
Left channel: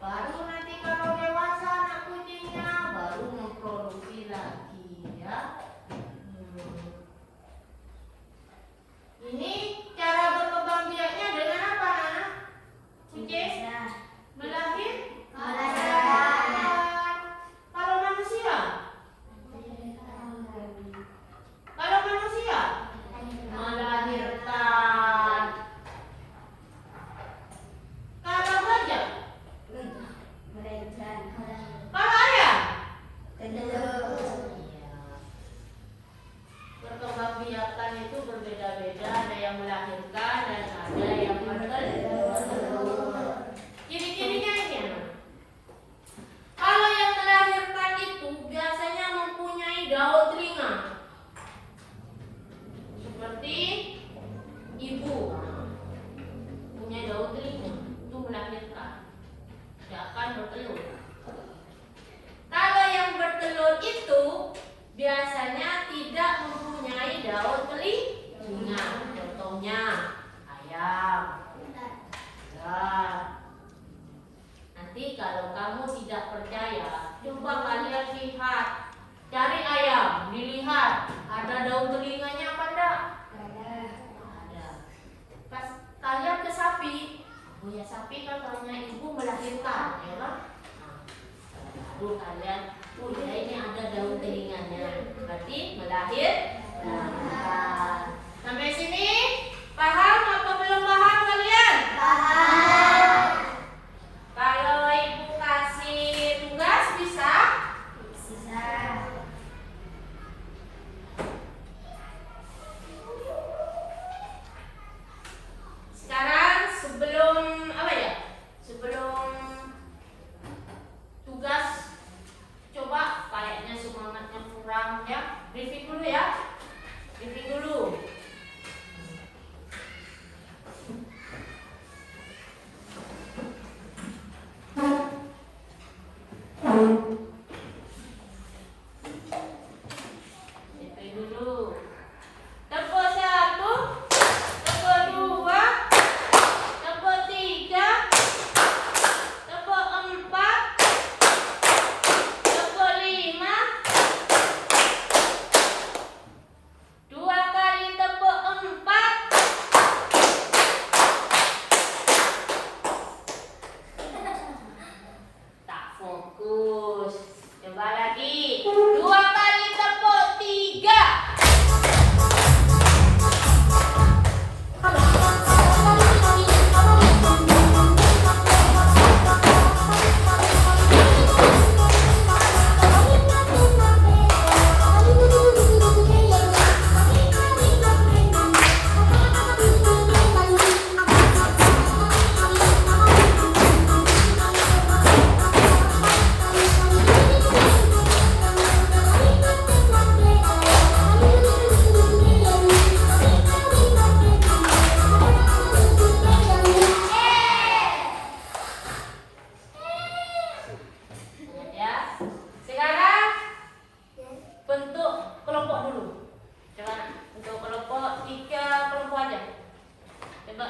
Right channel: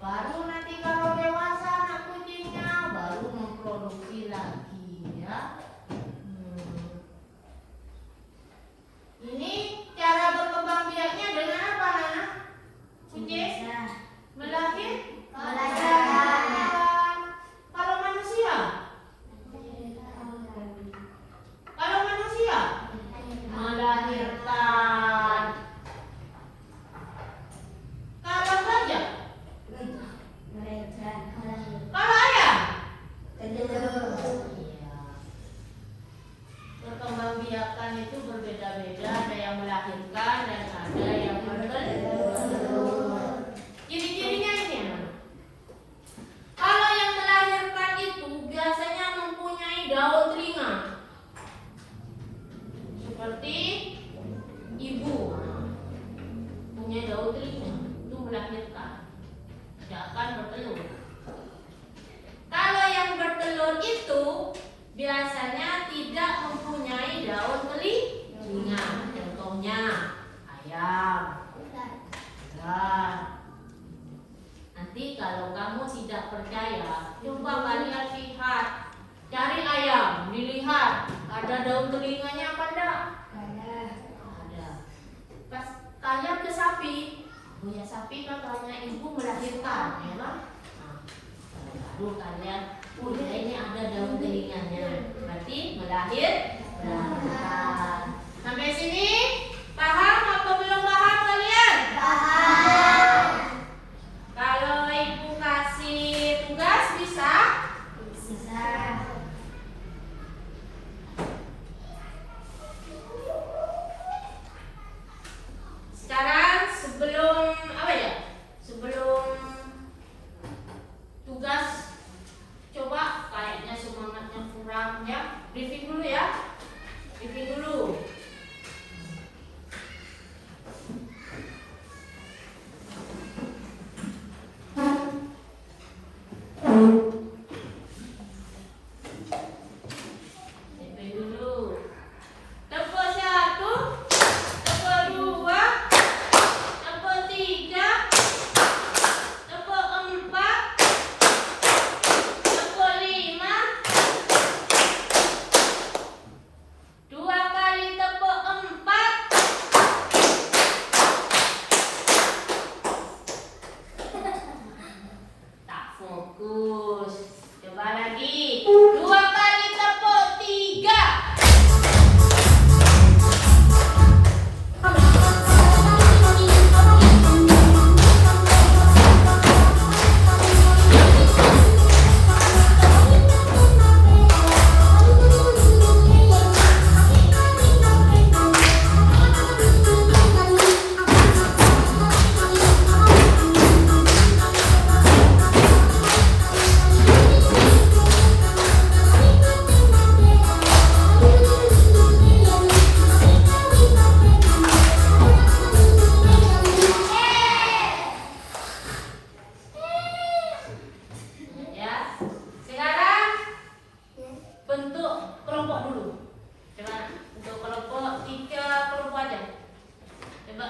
Baru nanti kalau dewasa anak kucingnya baru memproduksi lagi ya. Ini cara berkembang biaknya dengan apa, Nana? Kucing melahirkan. Kalau manusia? Kalau manusia melahirkan. Kalau gajah? Kalau ayam? Perkembangbiakan itu berbeda-beda, ada yang melahirkan dan ada yang bertelur. Ciri-cirinya ini ya. Kalau yang melahirkan itu biasanya mempunyai daun telinga seperti ibu punya daun telinga, itu melahirkan, tidak akan bertelur. Kalau yang bertelur itu biasanya tidak mempunyai daun telinga, contohnya ayam. Nanti kalau kamu tidak percaya, coba kalian lihat, cari ayam, dilihat ada daun telinganya apa enggak? Ada. Pas kalian ke sapi, punya sapi katanya ibu melahirkan, ya kan? Baru kalian, ya ini ada daun telinganya, berarti melahirkan. Sampai sini paham atau belum paham kalian? Paham. Kalau ibu kasih tugas bisa? Bisa. Sekarang sebelum apa ya? Sebelum tugas, coba kayaknya semangatnya kurang ya. Briefing dulu ya. Briefing dulu. Briefing dulu. Tempo 1, tempo 2, tempo 3, tempo 4, tempo 5, 2 kali tempo 4. Tak fokus. Coba lagi. 2 kali tempo 3. Ya. Sekarang bentuk kelompok dulu. Coba untuk kelompok 3 kelompok aja. Coba.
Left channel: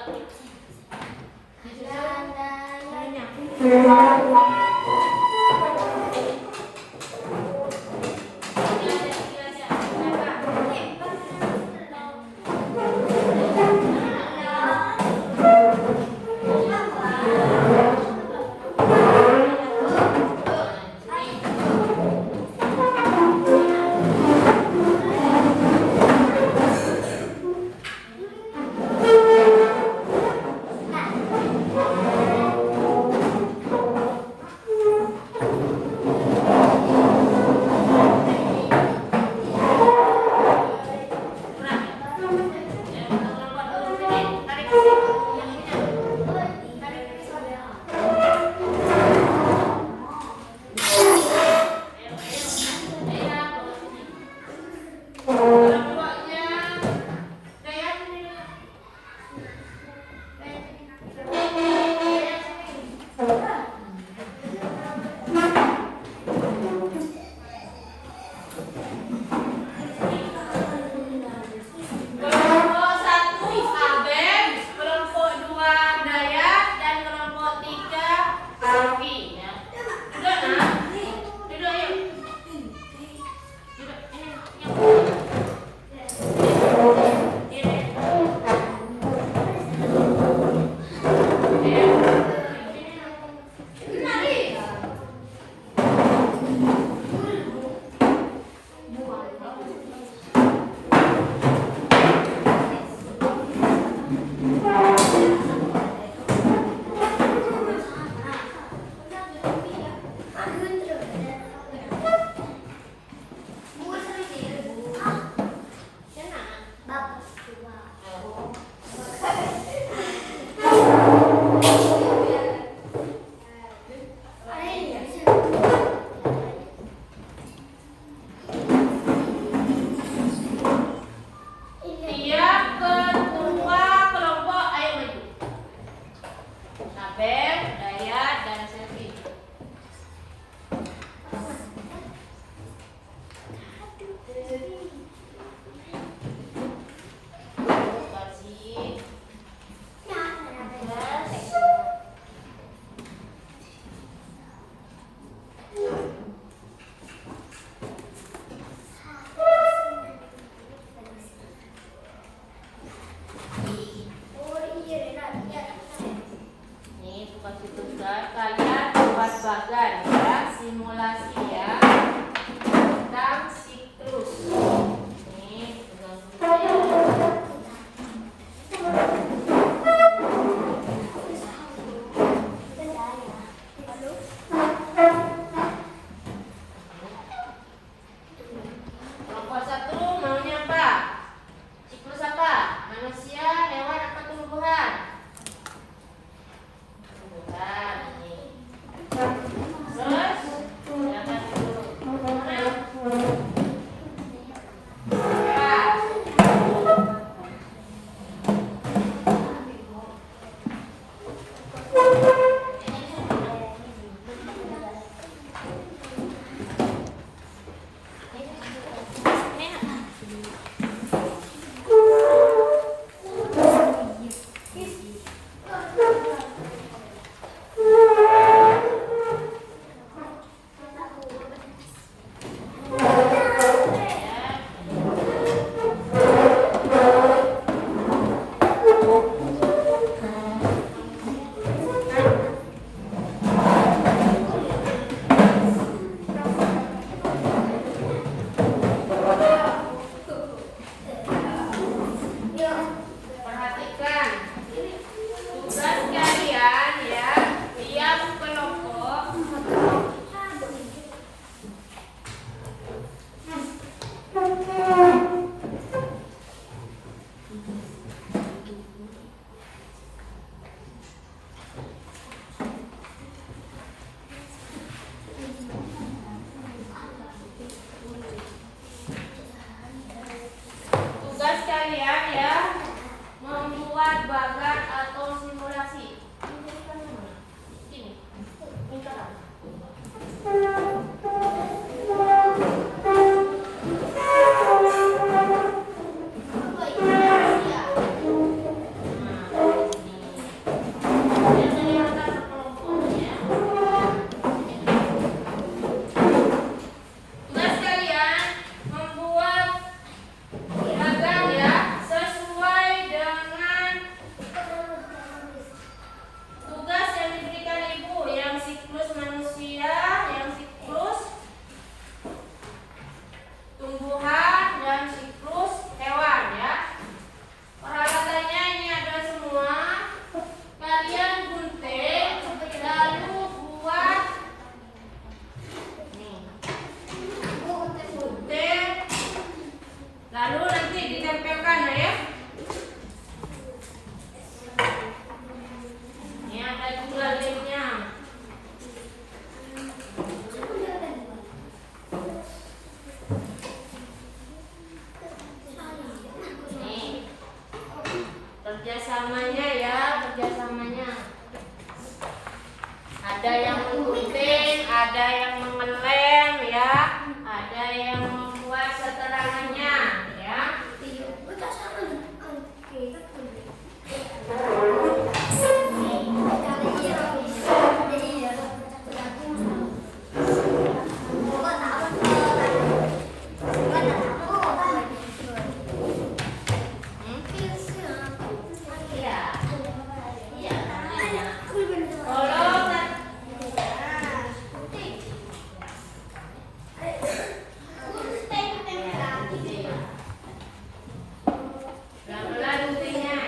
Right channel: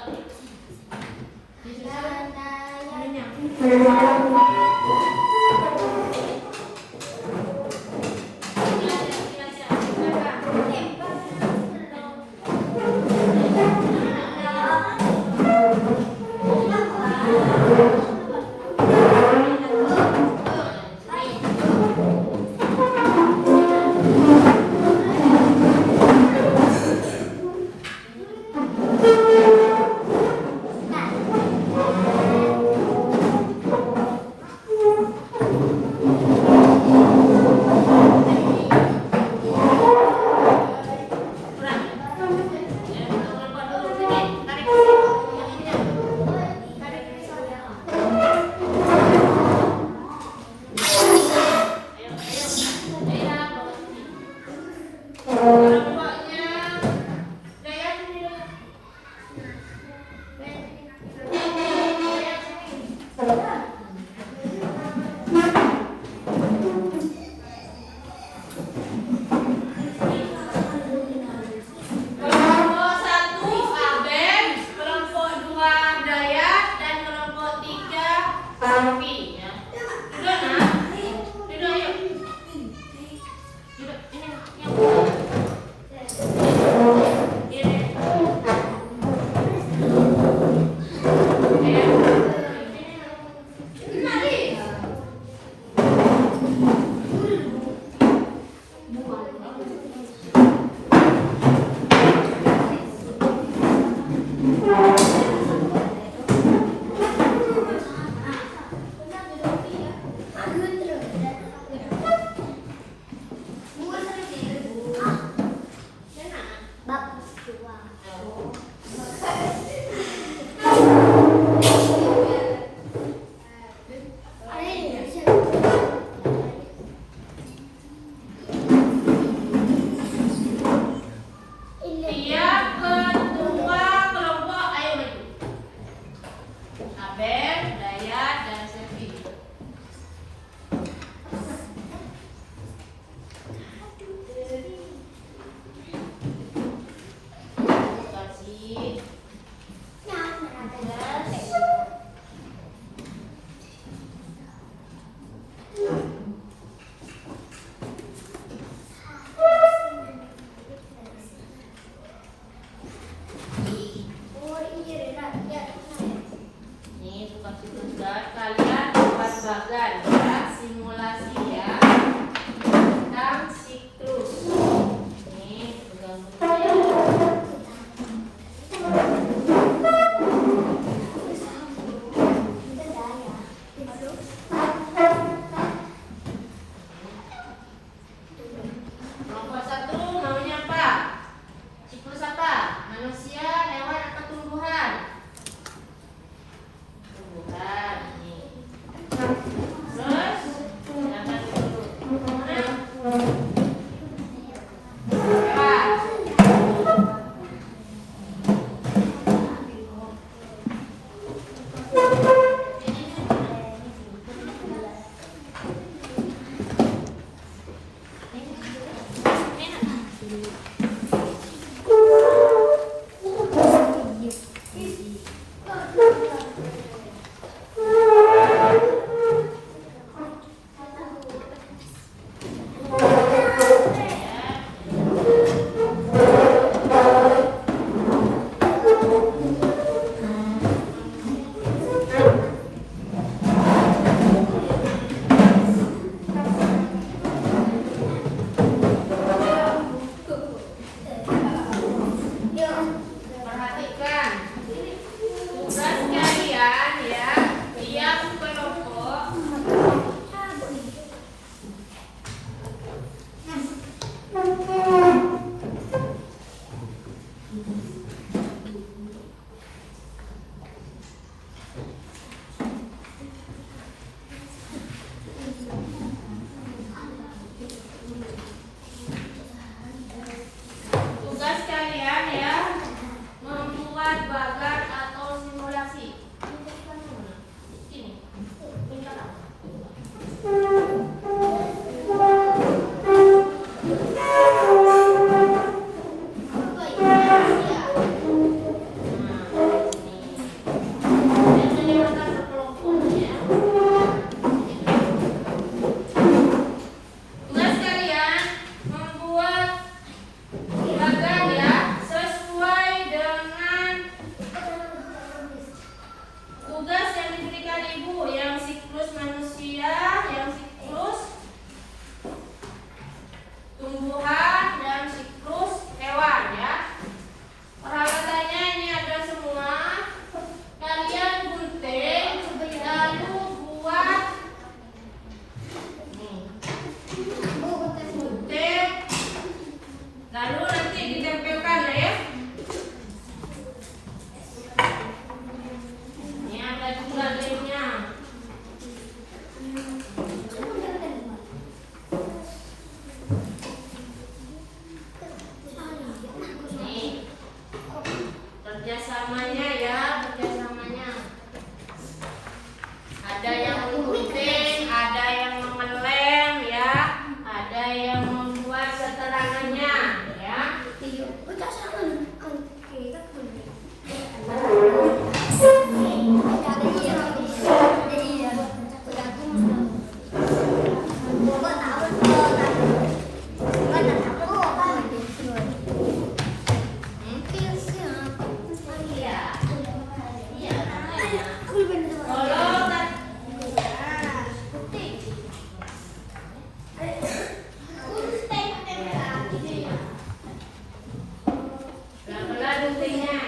Tiap ketua kelompok ayo maju. Abel, Dayat, dan Selvi. Kasih. Nih, kasih tugas kalian buat bagan ya, simulasi ya tentang siklus. Nih, pegang dulu ya. Kelompok satu maunya apa? Siklus apa? Manusia, hewan, atau tumbuhan? Tumbuhan ini. Terus, angkat dulu. Mana? Empat. Perhatikan tugas kalian ya, tiap kelompok tugas kalian ya membuat bagan atau simulasi. Sini. Tugas kalian membuat bagan ya sesuai dengan tugas yang diberikan ibu, yang siklus manusia, yang siklus tumbuhan, dan siklus hewan ya. Peralatannya ini ada semua. Kalian gunting lalu buat nih. Gunting lalu nanti ditempelkan ya. Ini ada juga lemnya. Nih, kerjasamanya ya, kerjasamanya. Ada yang gunting, ada yang mengelem ya, ada yang membuat seterangannya ya. Pelan-pelan guntingnya.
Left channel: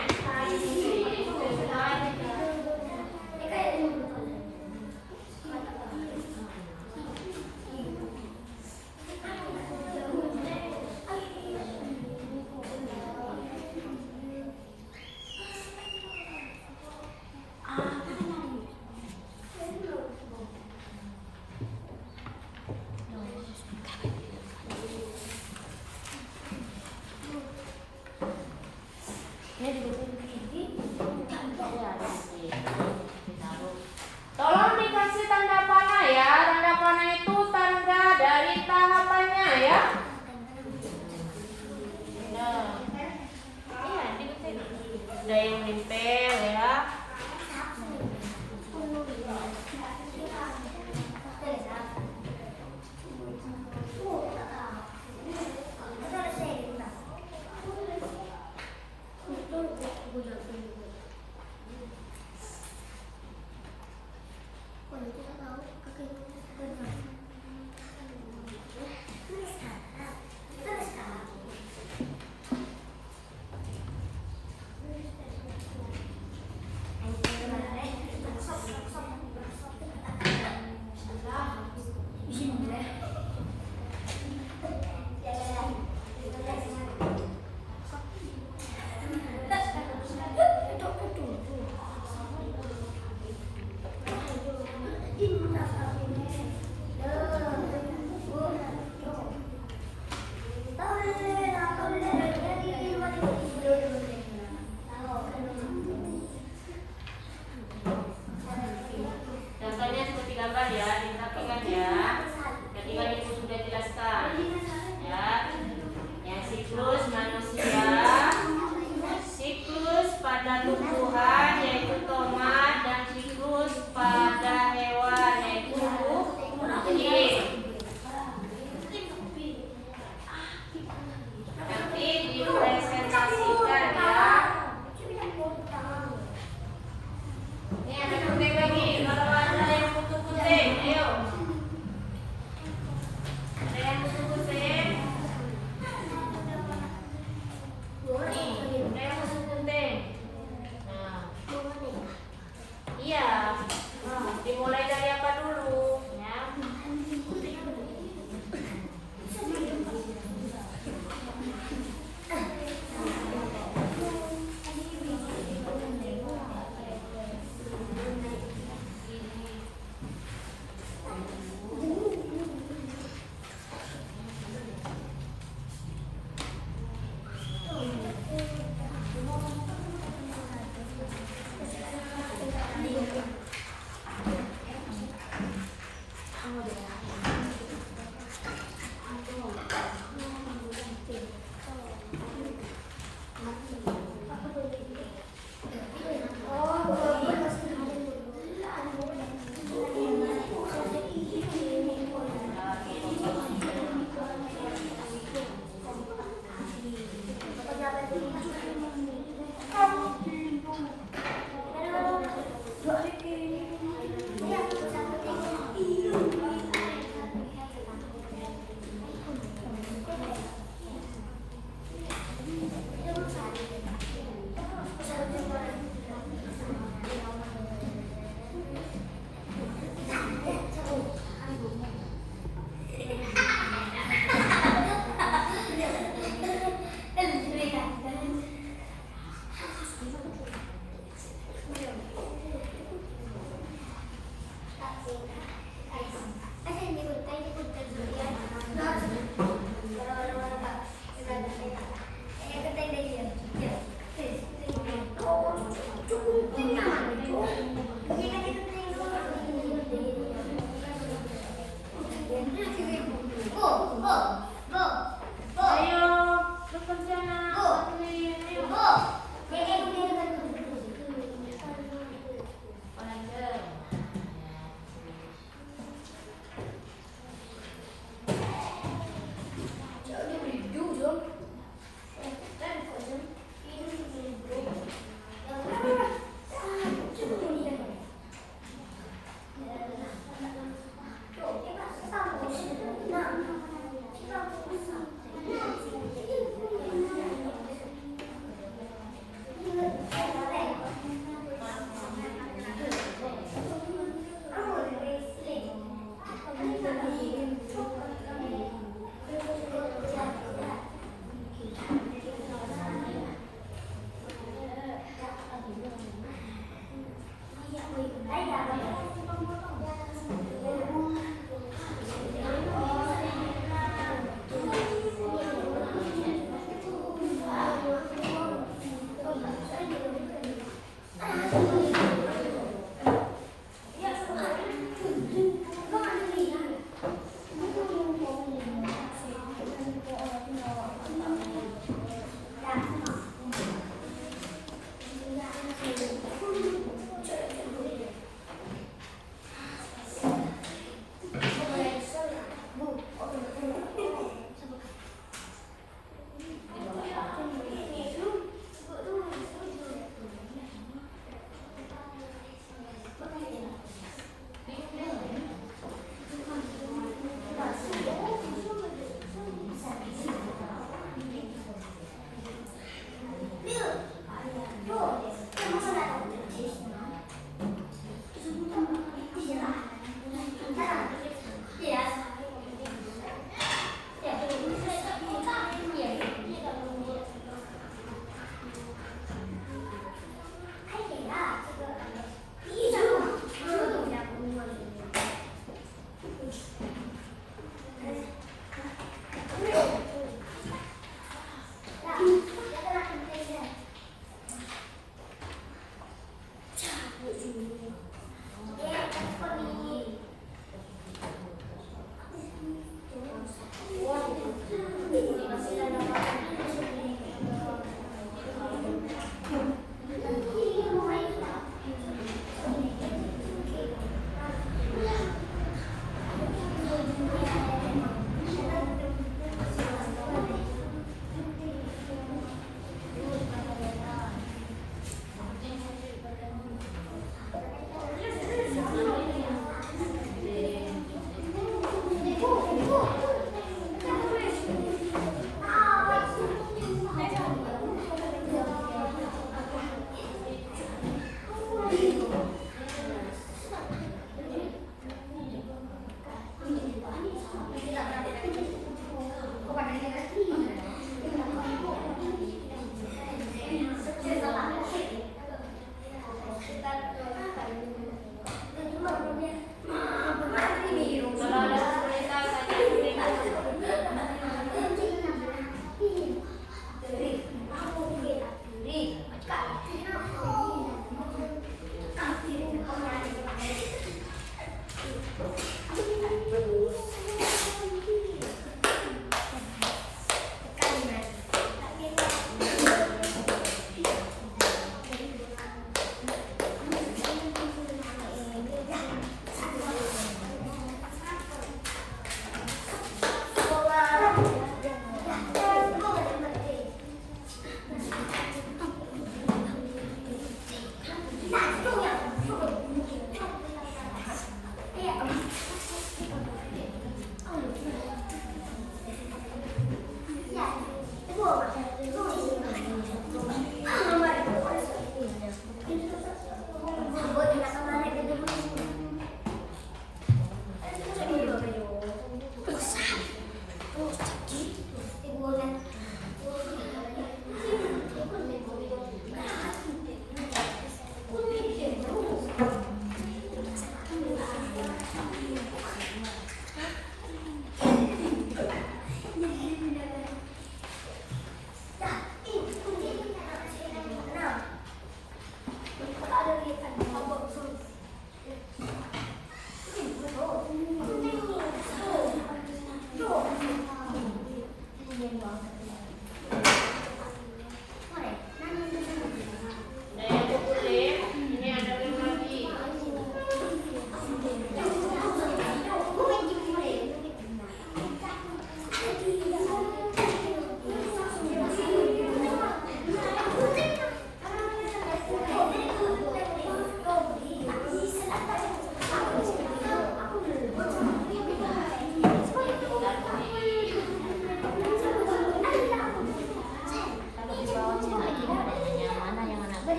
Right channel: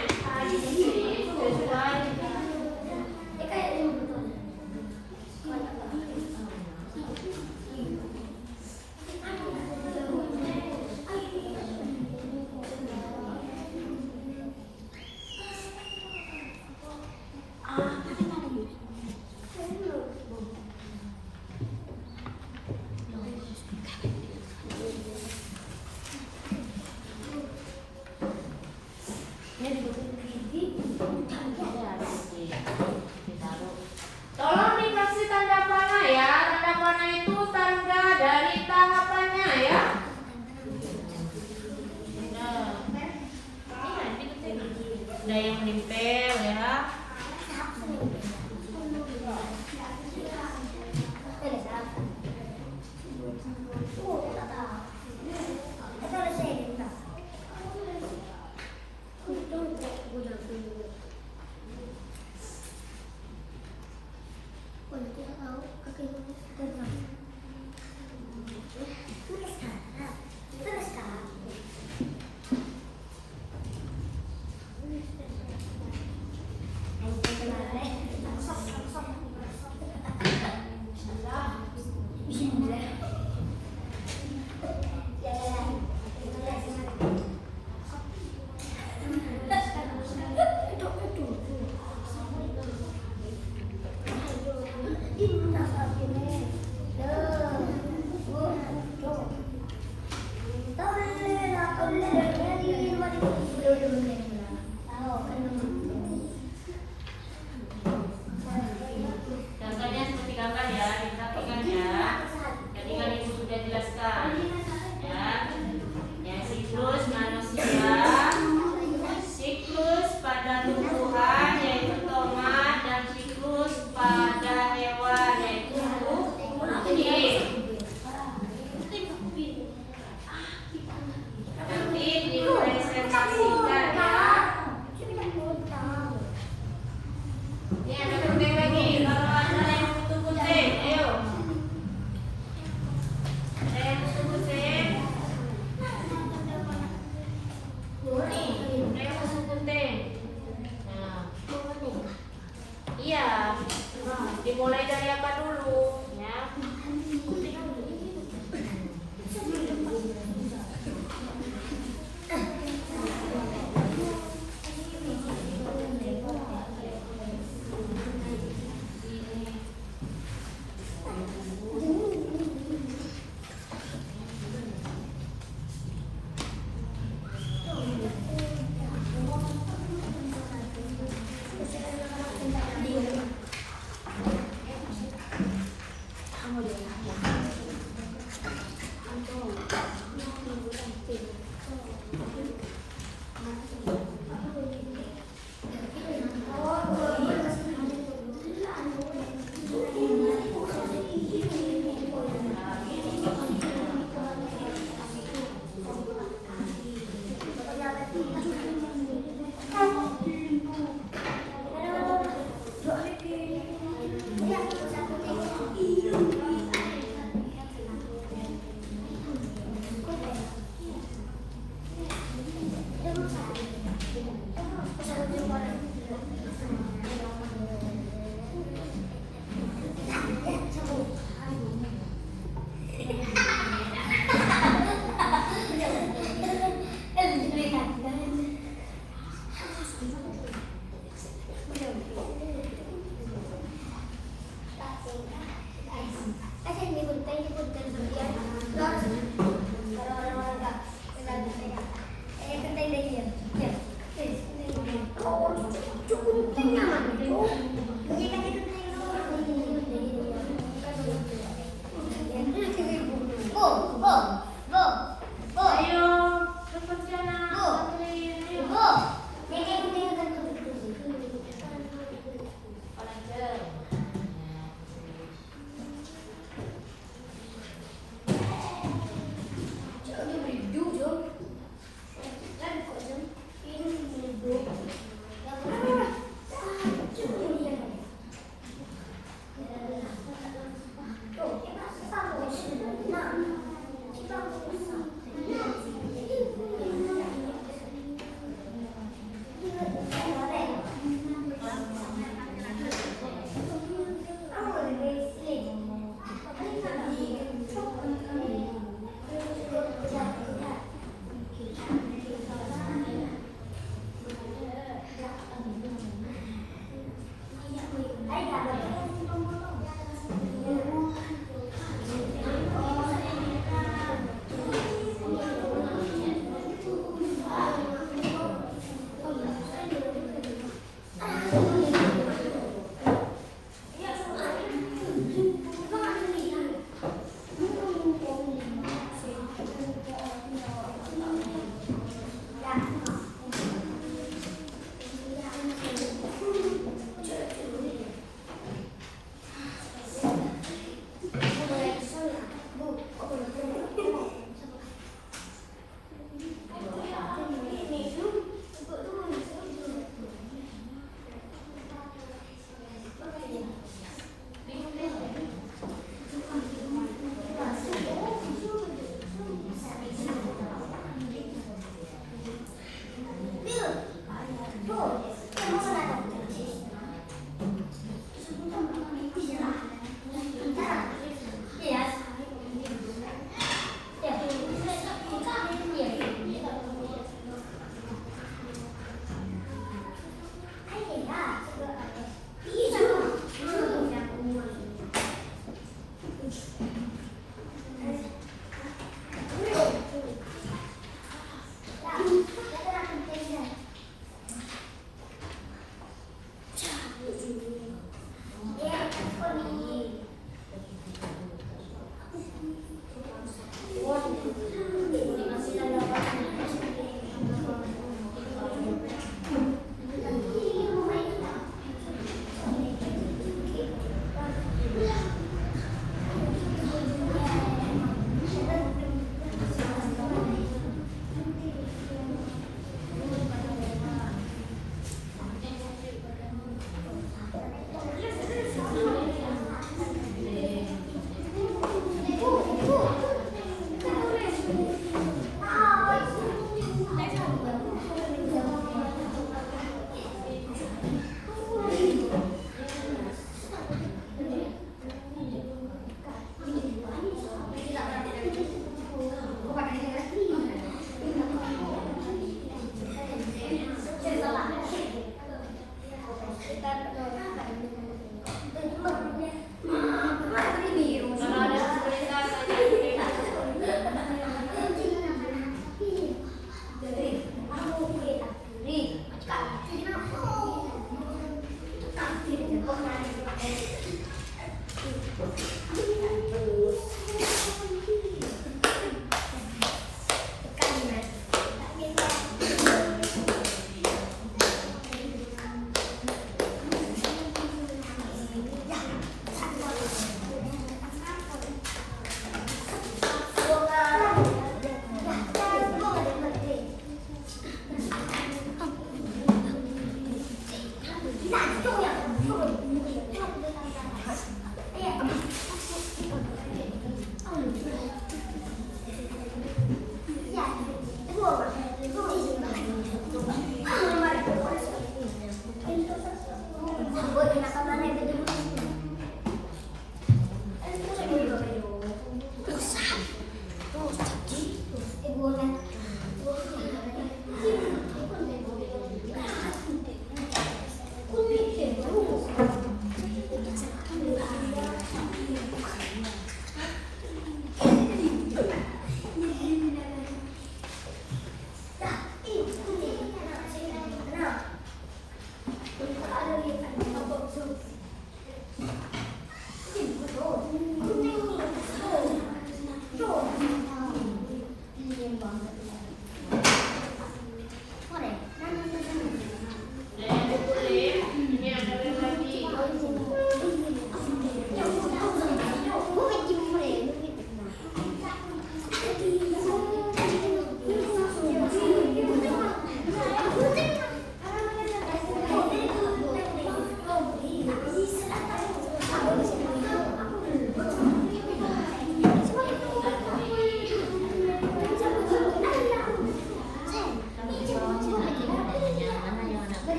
Tolong dikasih tanda panah ya. Tanda panah itu tanda dari tahapannya ya. Nah, yang nempel ya. Contohnya seperti gambar ya, diperhatikan ya. Jadi kan ibu sudah jelaskan ya. Yang siklus manusia, siklus pada tumbuhan yaitu tomat, dan siklus pada hewan yaitu kucing. Nanti dipresentasikan ya. Ini ada penting lagi. Kalau ada yang butuh penting, ayo. Ada yang butuh penting? Nih, ada yang butuh penting. Nah. Iya. Dimulai dari apa dulu? Ya.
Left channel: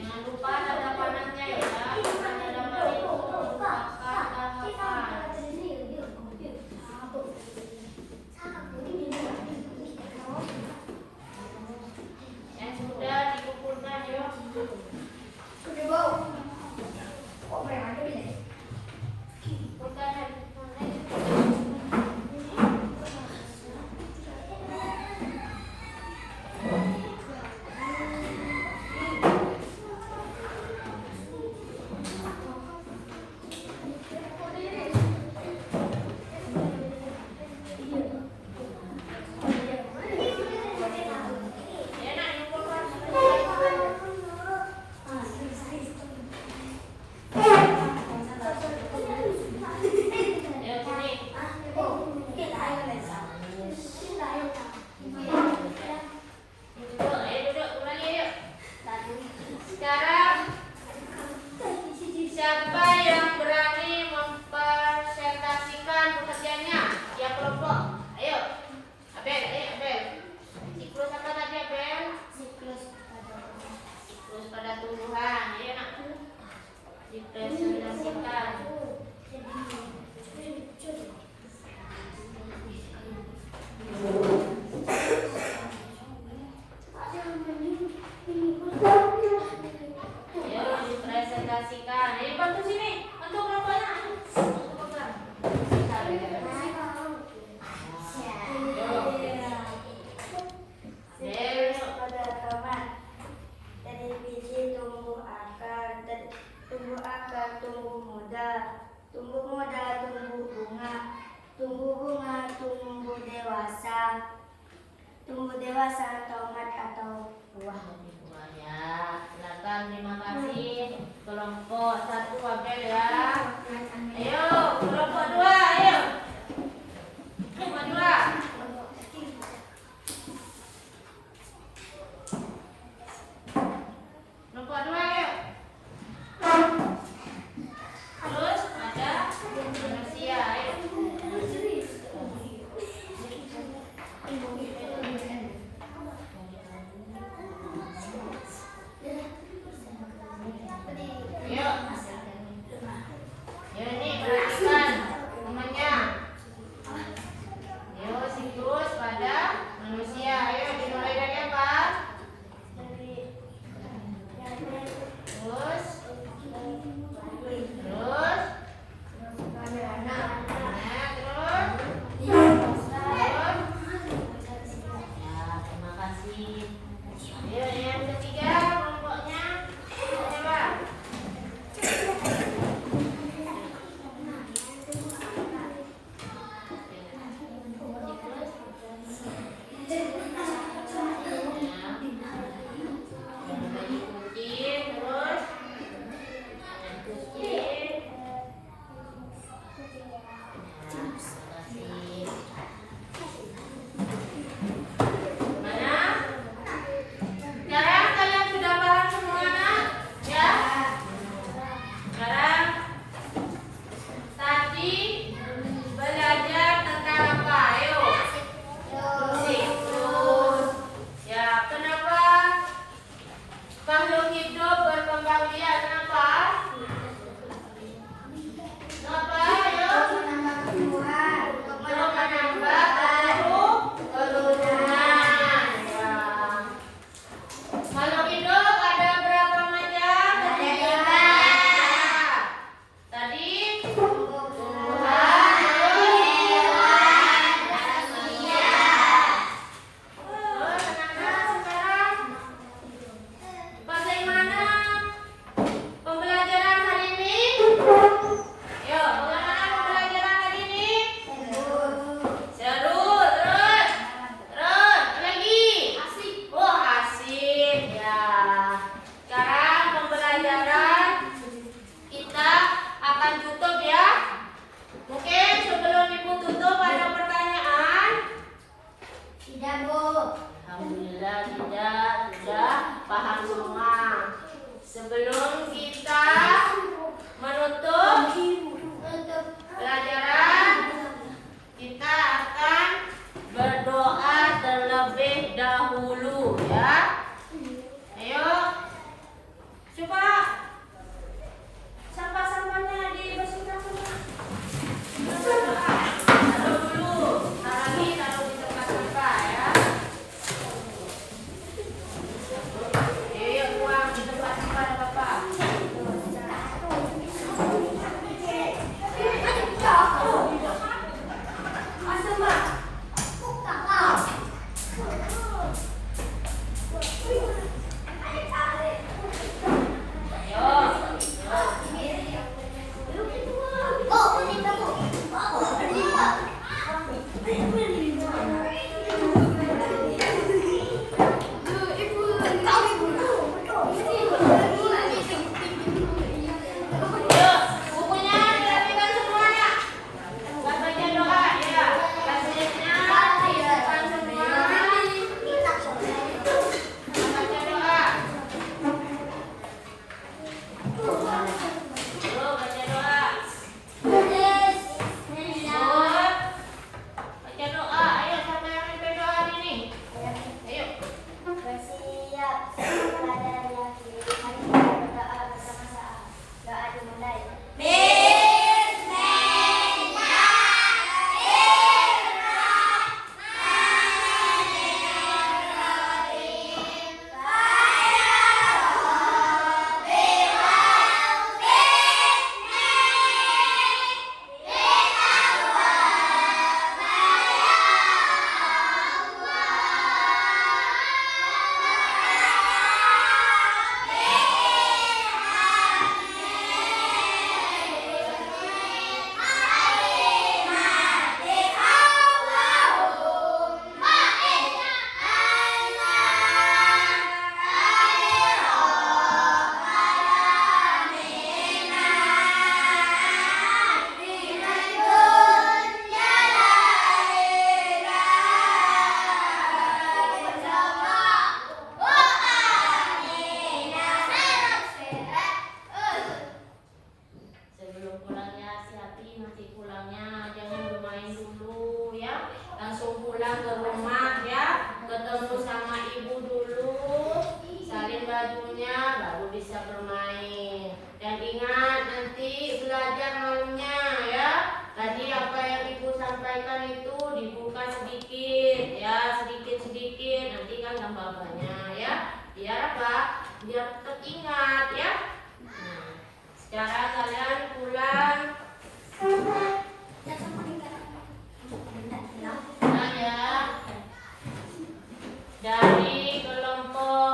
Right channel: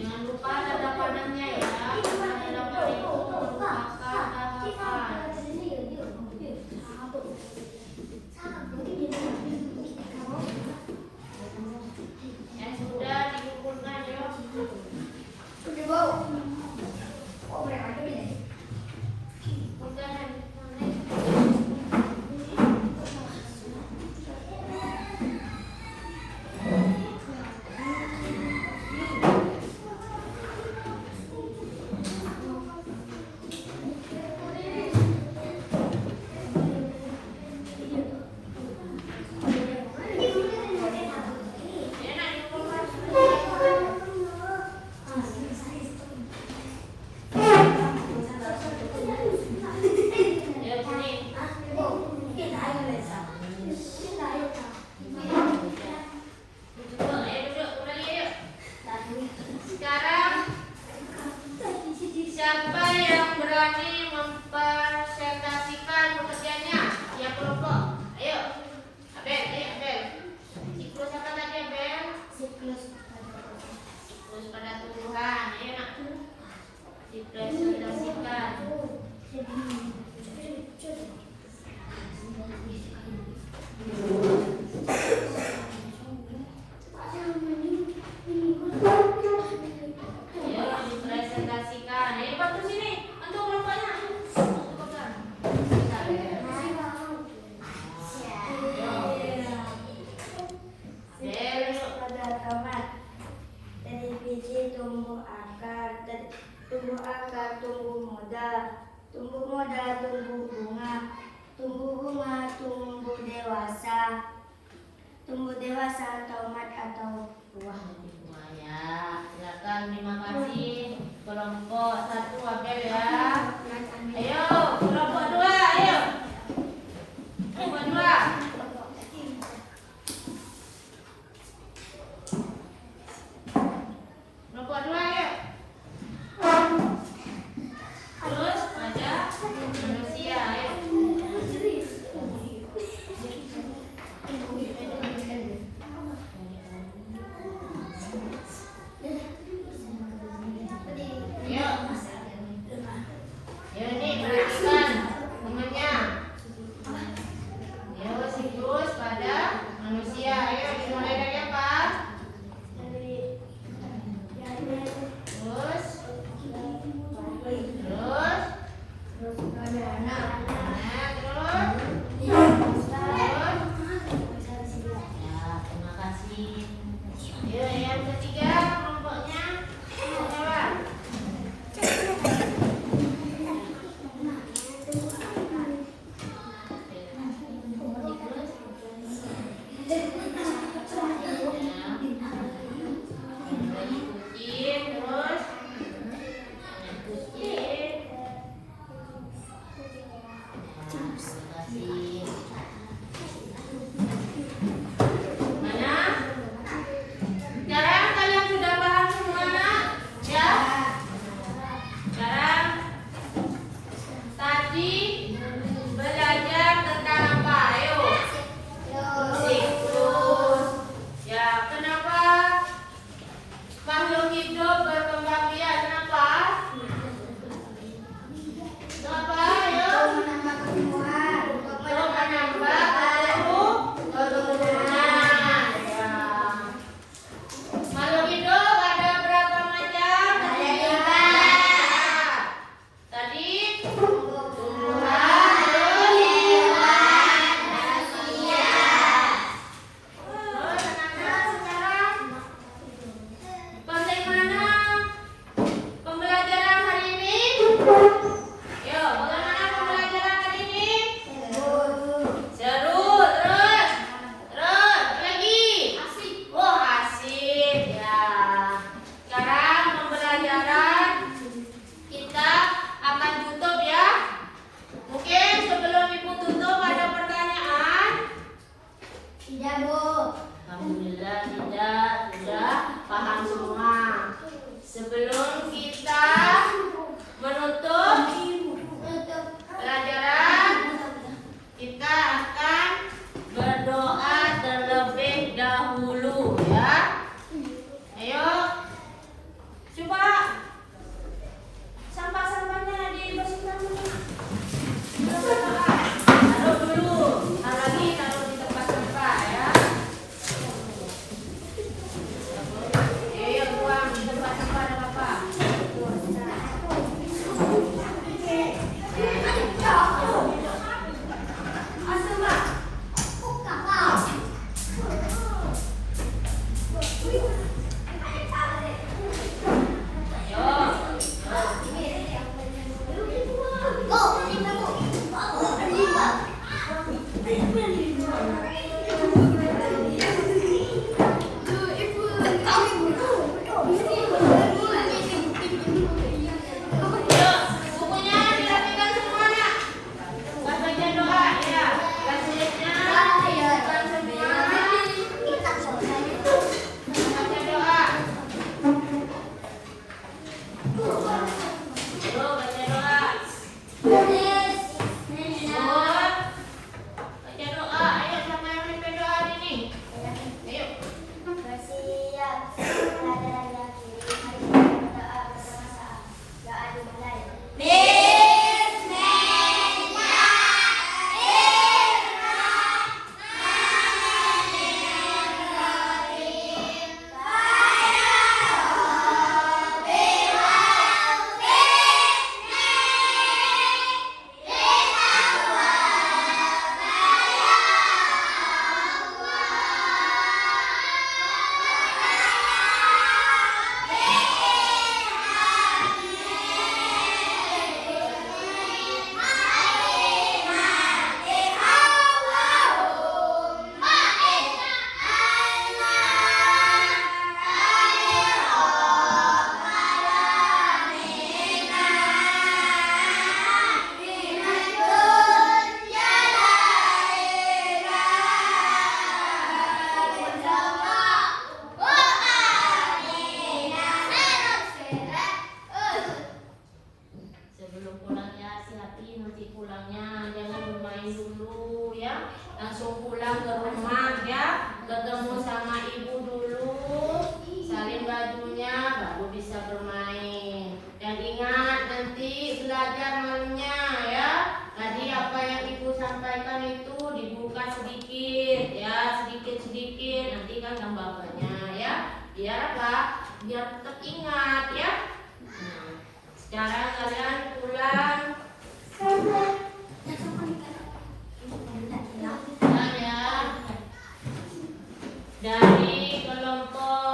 Jangan lupa tanda panahnya ya. Dalam hal itu merupakan alasan. Yang sudah dikumpulkan yuk. Bukan yang sekarang siapa yang berani mempresentasikan pekerjaannya? Ya kelompok. Ayo. Abel, Abel. Siklus apa tadi Abel? Siklus pada tumbuhan. Ayo nak. Dipresentasikan. Ayo dipresentasikan. Ayo bantu sini. Bantu kelompoknya. Tumbuh moda, tumbuh bunga, tumbuh dewasa, tomat atau buah. Ya, silakan. Terima kasih kelompok 1 Abel ya. Ayo kelompok 2, ayo. Kelompok 2. Kelompok 2 ayo. Terus ada manusia, ayo. Ya ini perhatikan temannya. Ya siklus pada manusia. Ayo dimulai dari apa? Terus pada anak. Terus. Ya, terima kasih. Ya, yang ketiga kelompoknya siapa? Mana? paham semua. Sebelum kita menutup pelajaran, kita akan berdoa terlebih dahulu ya. Ayo, coba sampah-sampahnya dibersihkan dulu. Berdoa, taruh dulu, lagi taruh di tempat-tempat ya. Ayo tuang di tempat-tempat Bapak. Sebelum pulangnya hati-hati, mesti pulangnya jangan bermain dulu ya. Langsung pulang ke rumah ya, ketemu sama ibu dulu, salin bajunya baru bisa bermain. Dan ingat nanti belajar malamnya ya. Tadi apa yang ibu sampaikan itu dibuka sedikit ya, sedikit-sedikit, nanti kan gambarnya ya. Biar apa? Biar tetap ingat ya. Sekarang kalian pulang ya dari kelompok